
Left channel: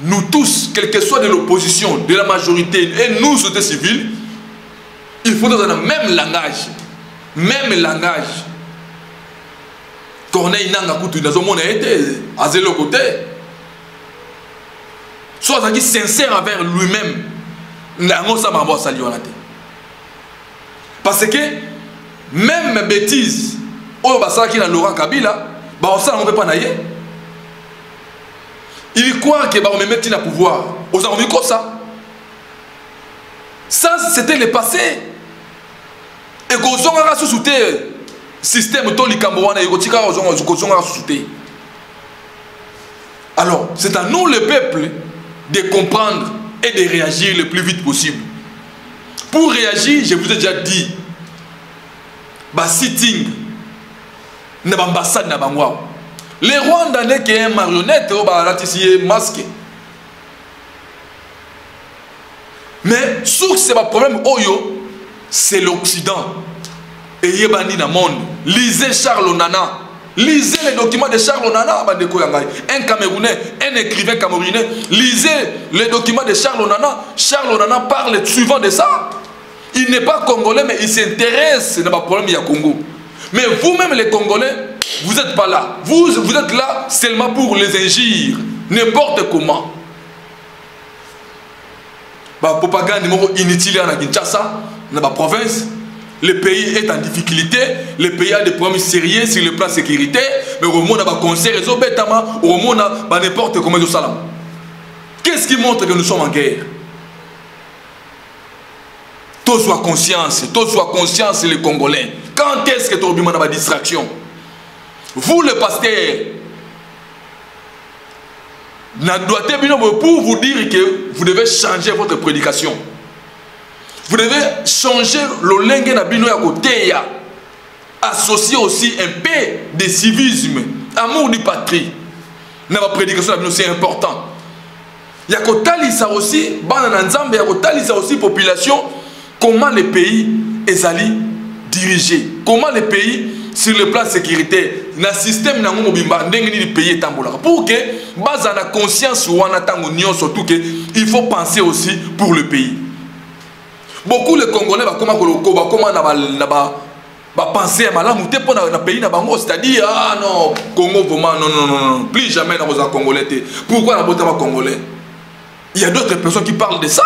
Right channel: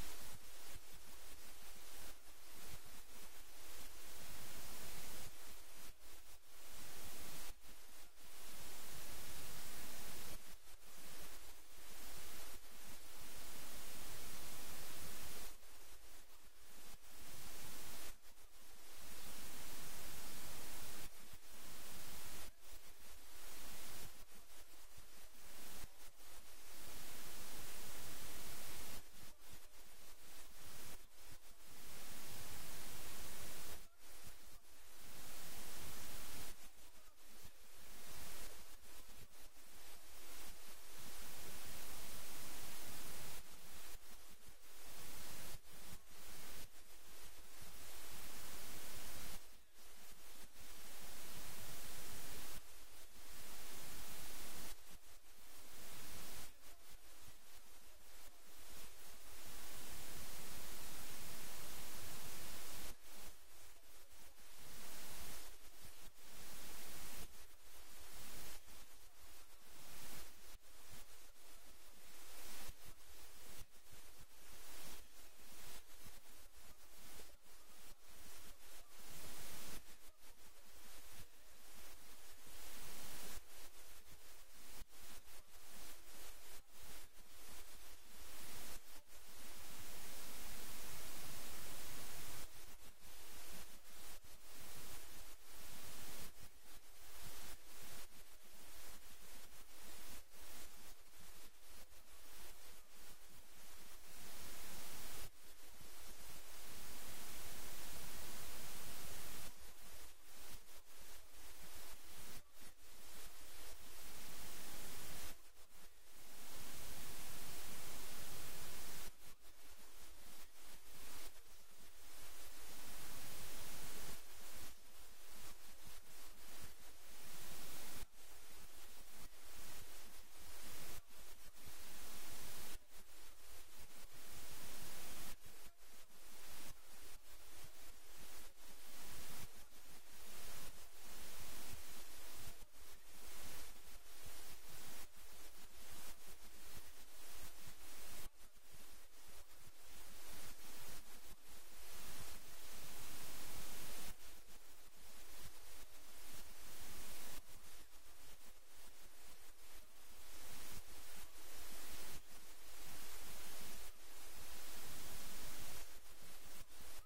nous tous, quel que soit de l'opposition, de la majorité et nous, société civile, il faut dans le même langage. Même langage. Corneille Nanga Koutou, dans le monde, à zéro côté. Soit sincère envers lui-même. Parce que même bêtises, au Bassara qui est dans Laurent Kabila, on ne peut pas naïe. Il croit que va me mettre au pouvoir. Aux armes comme ça. Ça, c'était le passé. Et qu'on a sous-souté système Toli Kamboana et Gotika a sous-souté. Alors, c'est à nous, le peuple, de comprendre et de réagir le plus vite possible. Pour réagir, je vous ai déjà dit, sitting, n'ambassade n'a pas moi. Les Rwandais qui est une marionnette, ils masqué. Mais c'est un problème, c'est l'Occident. Et il y a dans le monde. Lisez Charles Onana. Lisez les documents de Charles Onana. Un Camerounais, un écrivain camerounais. Lisez les documents de Charles Onana. Charles Onana parle souvent de ça. Il n'est pas congolais, mais il s'intéresse à problème du Congo. Mais vous-même, les Congolais, vous n'êtes pas là. Vous êtes là seulement pour les injures. N'importe comment. Propagande inutile à Kinshasa, dans la province. Le pays est en difficulté. Le pays a des problèmes sérieux sur le plan sécurité. Mais au monde, il y a des conseils, au monde, il y a n'importe comment. Qu'est-ce qui montre que nous sommes en guerre? Tous soient conscience, les Congolais. Quand est-ce que tu as une distraction? Vous, le pasteur, pour vous dire que vous devez changer votre prédication. Vous devez changer le langue na bino ya côté, associer aussi un peu de civisme, amour du patrie. Dans la prédication c'est important. Il y a kotalisa aussi, il y a kotalisa aussi population. Comment les pays est dirigé? Comment les pays sur le plan sécuritaire, dans le système na ngomobimba ndenge ni pays tambola pour que base na conscience ou en attendant surtout que il faut penser aussi pour le pays. Beaucoup les Congolais penser à malamu te pour na pays na bango, c'est-à-dire ah non Congo vraiment non plus jamais dans les Congolais. Pourquoi la bota Congolais? Il y a d'autres personnes qui parlent de ça.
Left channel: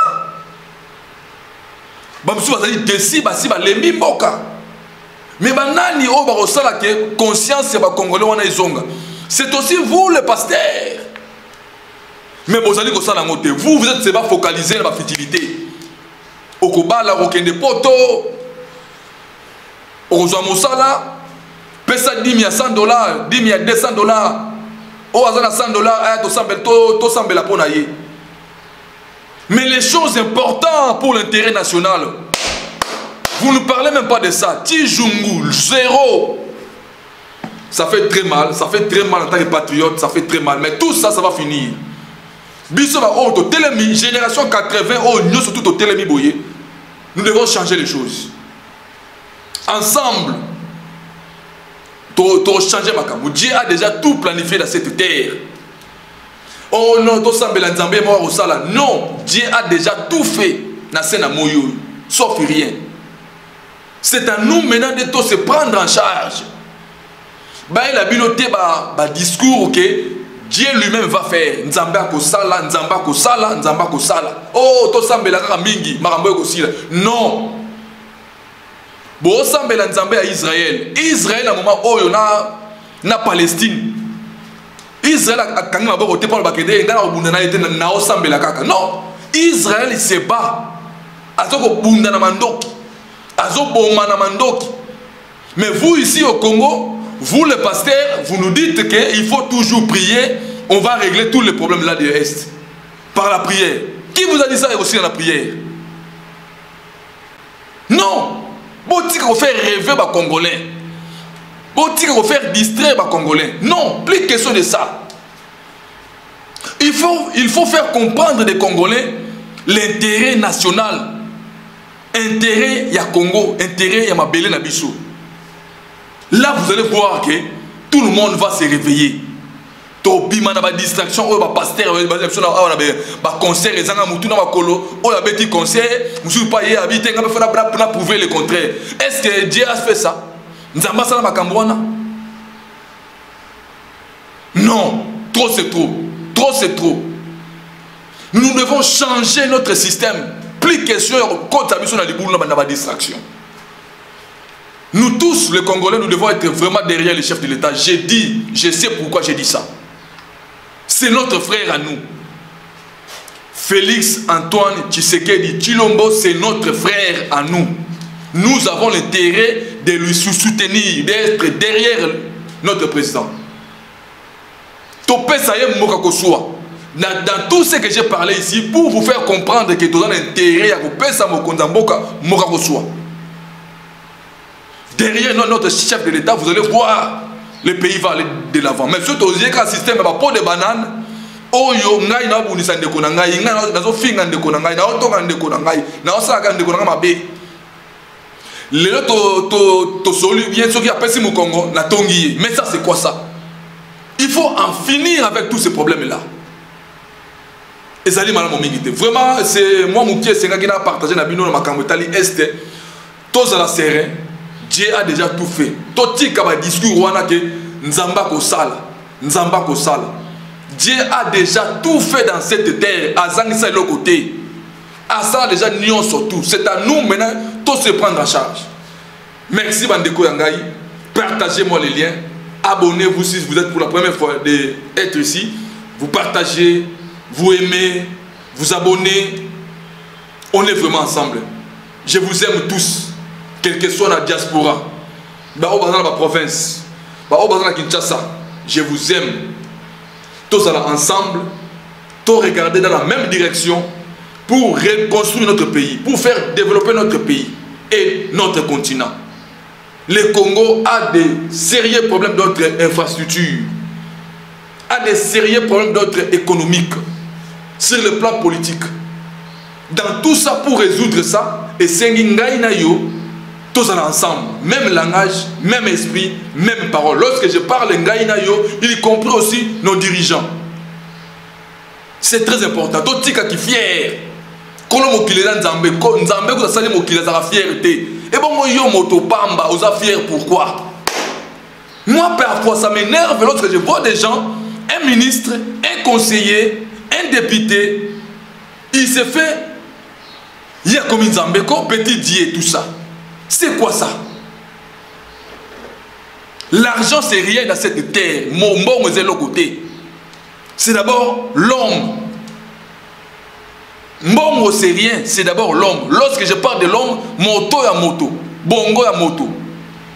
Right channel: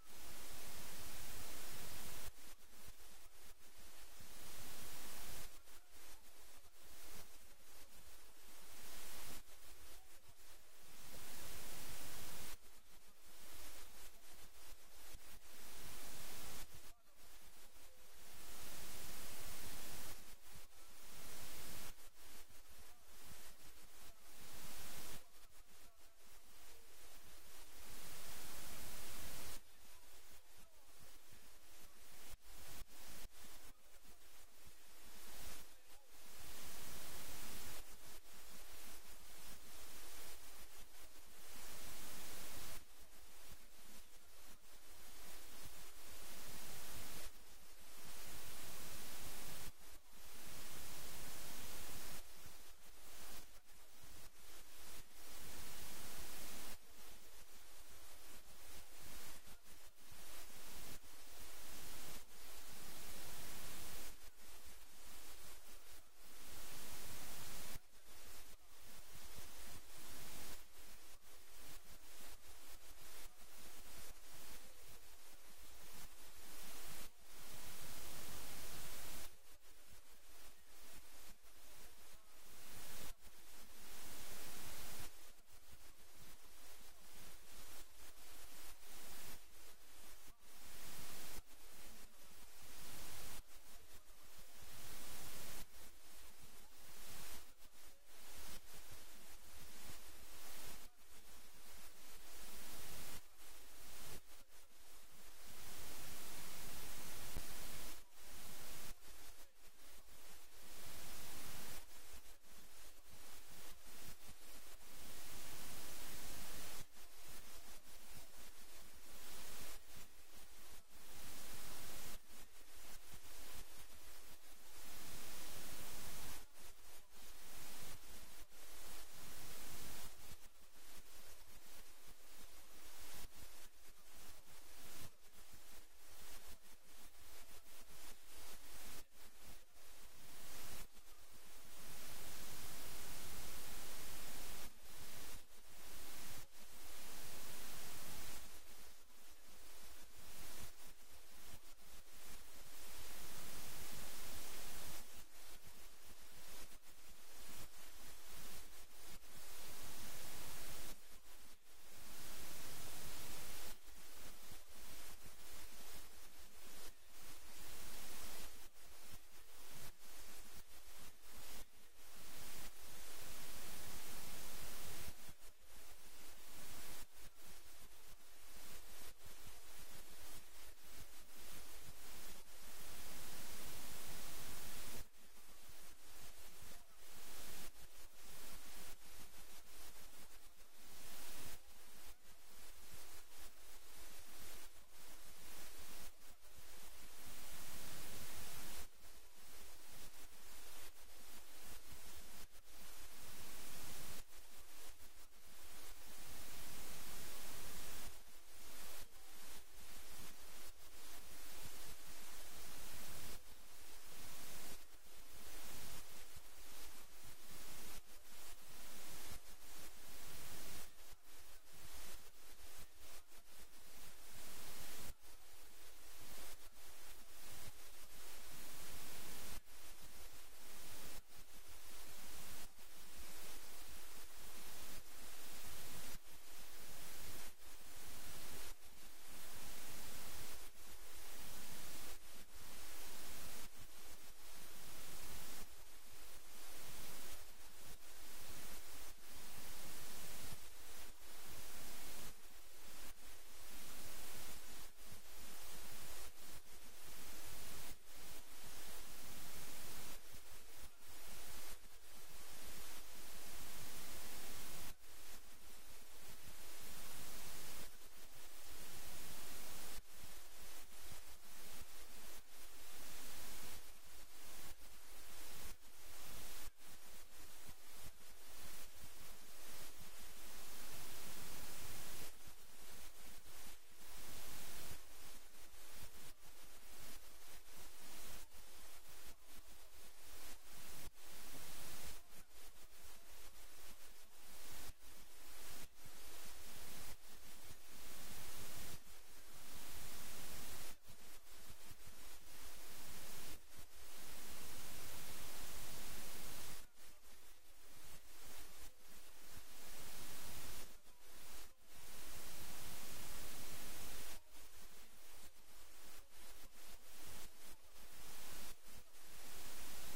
Bamsu bazali desi basi ba lembi mboka. Mais banani o ba rosala ke conscience ba Congolais wana izonga. C'est aussi vous le pasteur. Mais vous allez ko sala ngote. Vous êtes pas focalisé sur la fertilité. Okobala okende poto. Okozwa mosala pesa 10 000 à $100, 10 000 à $200. O azana $100 aya to sambela pona ye. Mais les choses importantes pour l'intérêt national, vous ne parlez même pas de ça. Tijungu, zéro. Ça fait très mal en tant que patriote, ça fait très mal. Mais tout ça, ça va finir. Bissoba, oh, Télémi, génération 80, oh, nous surtout au Télémi Boye, nous devons changer les choses. Ensemble, pour changer ma cam. Dieu a déjà tout planifié dans cette terre. Oh non, non, Dieu a déjà tout fait dans cette moyo, sauf rien. C'est à nous maintenant de tout se prendre en charge. Il a biloté un discours que Dieu lui-même va faire. Nzamba kosala, nzamba kosala, nzamba kosala. Oh, to sambela kaka mingi, marambo kosila. Non. Bo sambela nzamba à Israël. Israël à moment où na Palestine. Israël a quand même voté pour le bakede, ngana obundana était na osambela kaka. Non. Israël se bat. Azoko bundana mandoki. Azoboma na mandoki. Mais vous ici au Congo, vous les pasteurs, vous nous dites qu'il faut toujours prier, on va régler tous les problèmes là de l'Est. Par la prière. Qui vous a dit ça aussi dans la prière? Non. Bon, tu vas faire rêver les Congolais. Bon, tu vas faire distraire les Congolais. Non, plus question de ça. Il faut faire comprendre des Congolais l'intérêt national. Intérêt ya Congo, intérêt ya Mabélé Nabiso. Là, vous allez voir que tout le monde va se réveiller. Topi mana ba distraction, oh ba pasteur, ba concert, les gens mutu na makolo, oh la bêtise concert, monsieur pas y habiter, on va prouver le contraire. Est-ce que Dieu a fait ça? Nzamba sala makambwana? Non, trop c'est trop. Trop c'est trop. Nous devons changer notre système. Plus question quand tu as besoin de la distraction. Nous tous, les Congolais, nous devons être vraiment derrière le chef de l'État. J'ai dit, je sais pourquoi j'ai dit ça. C'est notre frère à nous. Félix Antoine Tshisekedi Tshilombo, c'est notre frère à nous. Nous avons l'intérêt de lui soutenir, d'être derrière notre président. Topé Sayem Mokakosua. Dans tout ce que j'ai parlé ici, pour vous faire comprendre que tout l'intérêt à vous payer ça Mokakosua. Derrière notre chef de l'État, vous allez voir le pays va aller de l'avant. Mais surtout, il y a un système de pot de banane. Oh, yo, ngai na bu nisande konangai, ngai na zo finga de konangai, na oto ngande konangai, na osaka de konanga mabe. Le to solu bien ce qui appelle si mon Congo na tongi. Mais ça c'est quoi ça? Il faut en finir avec tous ces problèmes là. Et ça dit madame Mingité. Vraiment, c'est moi mon pied c'est qui n'a partagé na bino na makambo tali est. Tous à la serre. Dieu a déjà tout fait. Toti kaba discours wana ke nzamba ko sala, nzamba ko sala. Dieu a déjà tout fait dans cette terre. Azangisa le côté. Asa déjà nion surtout. C'est à nous maintenant tout se prendre en charge. Merci Bandeko Yangai. Partagez-moi les liens. Abonnez-vous si vous êtes pour la première fois d'être ici. Vous partagez, vous aimez, vous abonnez. On est vraiment ensemble. Je vous aime tous. Quelle que soit la diaspora, dans la province, dans la Kinshasa, je vous aime. Tous ensemble, tous regarder dans la même direction pour reconstruire notre pays, pour faire développer notre pays et notre continent. Le Congo a des sérieux problèmes d'autres infrastructures, a des sérieux problèmes d'autres économiques, sur le plan politique. Dans tout ça, pour résoudre ça, et c'est tous ensemble, même langage, même esprit, même parole. Lorsque je parle ngaïnayo, il comprend aussi nos dirigeants. C'est très important. Tout qui est fier, kolo mokili na nzambe ko sali mokili za fierté et bon moi yo moto pamba oza fier pourquoi? Moi parfois ça m'énerve lorsque je vois des gens, un ministre, un conseiller, un député, il se fait il y a comme nzambe ko petit dieu tout ça. C'est quoi ça? L'argent c'est rien dans cette terre. Mon bon est l'autre côté. C'est d'abord l'homme. Mbongo c'est rien, c'est d'abord l'homme. Lorsque je parle de l'homme, moto ya moto, bongo ya moto.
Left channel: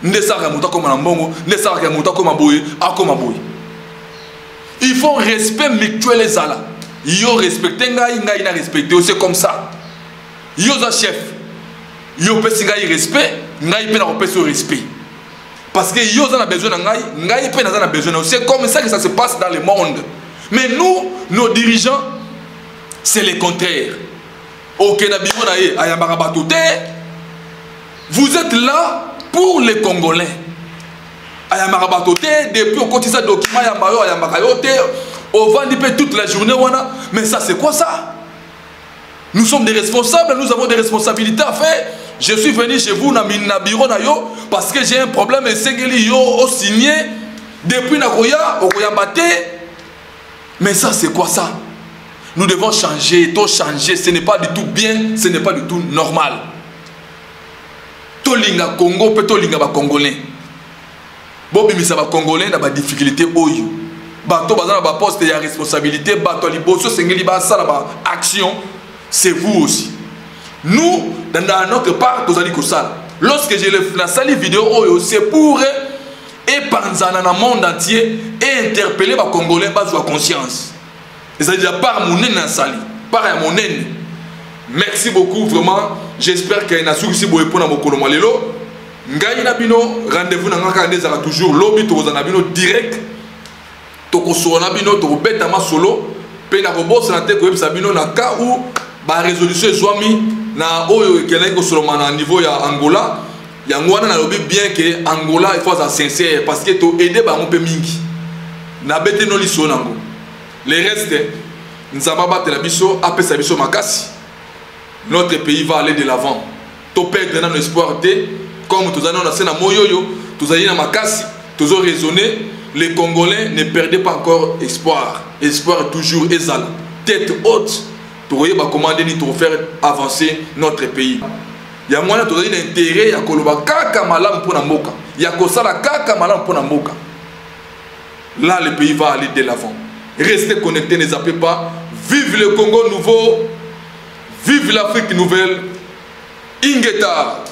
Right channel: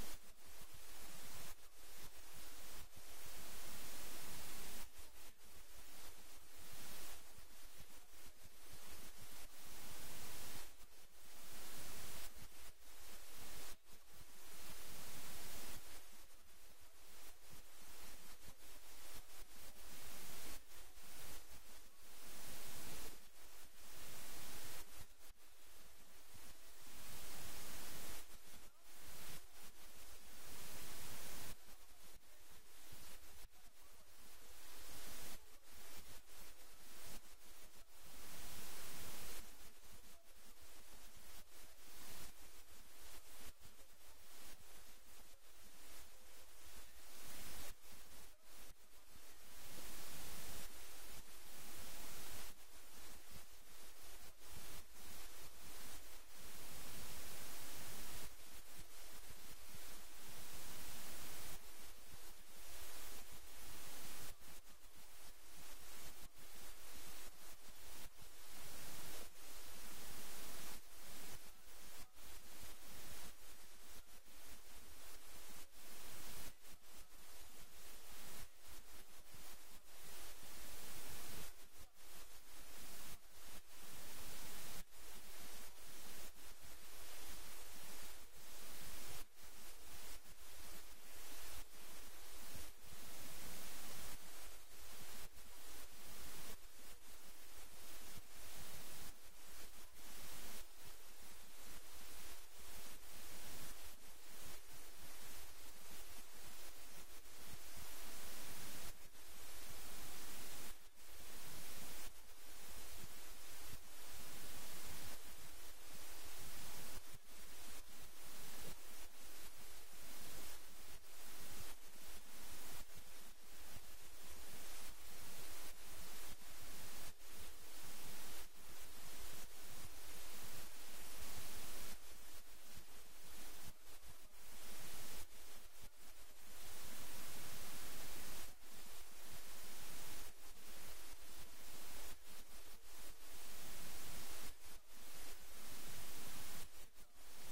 Ndesaka moto comme mbongo, ndesaka moto comme boye, akoma boye. Il faut respect mutuel les ala. Yo respecter ngai na respecter, c'est comme ça. Yo za chef. Yo pesi ngai respect, ngai pe na pesi respect. Parce que yo za na besoin na ngai pe na besoin. C'est comme ça que ça se passe dans le monde. Mais nous, nos dirigeants, c'est le contraire. Vous êtes là pour les Congolais. Depuis on continue ça document on vend toute la journée. Mais ça c'est quoi ça? Nous sommes des responsables, nous avons des responsabilités à faire. Je suis venu chez vous dans le bureau parce que j'ai un problème et c'est que yo signé depuis Nagoya au Koyambate. Mais ça c'est quoi ça? Nous devons changer, tout changer, ce n'est pas du tout bien, ce n'est pas du tout normal. Tolinga Congo, peut tolinga ba Congolais. Bobi misa ba Congolais na ba difficulté oyo. Bato bazana ba poste ya responsabilité, bato liboso sengeli ba sala ba action, c'est vous aussi. Nous dans notre part tozali ko sala. Lorsque je le la sali vidéo oyo, c'est pour épanzana na monde entier et interpeller ba Congolais ba joie conscience. C'est-à-dire par mon nez sali, par mon nez. Merci beaucoup vraiment. J'espère qu'il y a un souci pour répondre à mon colombalelo. Ngai nabino rendez-vous na ngaka ndeza toujours lobby to za nabino direct. To ko so nabino to beta ma solo pe na robosa na te ko yebisa bino na ka ou ba résolution zwami na oyo kelai ko solo na niveau ya Angola. Ya ngwana na lobby bien que Angola il faut être sincère parce que to aider ba mon pe mingi. Na bete no liso nango. Les restes, nous avons battu la biso, après sa biso makasi. Notre pays va aller de l'avant. Tu perds dans l'espoir de, comme tous allons dans la moyoyo, tous allons dans makasi, tous ont raisonné. Les Congolais ne perdaient pas encore espoir. Espoir est toujours exal. Tête haute, tu voyez commander ni pour faire avancer notre pays. Il y a moyen de donner intérêt, il y a koloba kaka malam pour namoka. Il y a kosala kaka malam pour namoka. Là, le pays va aller de l'avant. Restez connectés, ne zappez pas. Vive le Congo nouveau. Vive l'Afrique nouvelle. Ingeta.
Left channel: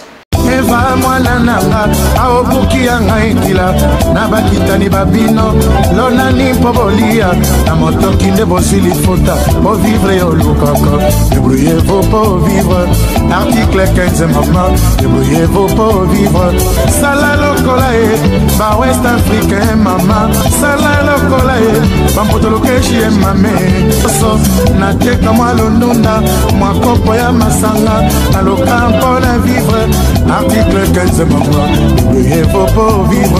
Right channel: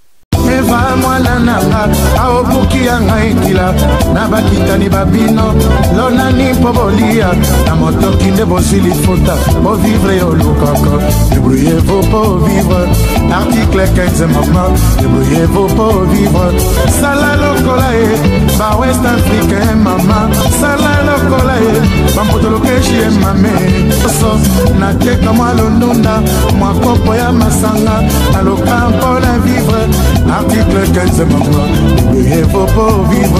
Eva mwana nanga aobuki anga ekila na bakitani babino lonani pobolia na motoki nde bozili fota po vivre olukoko débrouillez-vous pour vivre article 15 maman débrouillez-vous pour vivre sala lokola e ba west africain mama sala lokola e ba motolokeshi e mame so na teka mwa londunda mwa kopo ya masanga na lokampo na vivre article 15 maman, il faut pas vivre.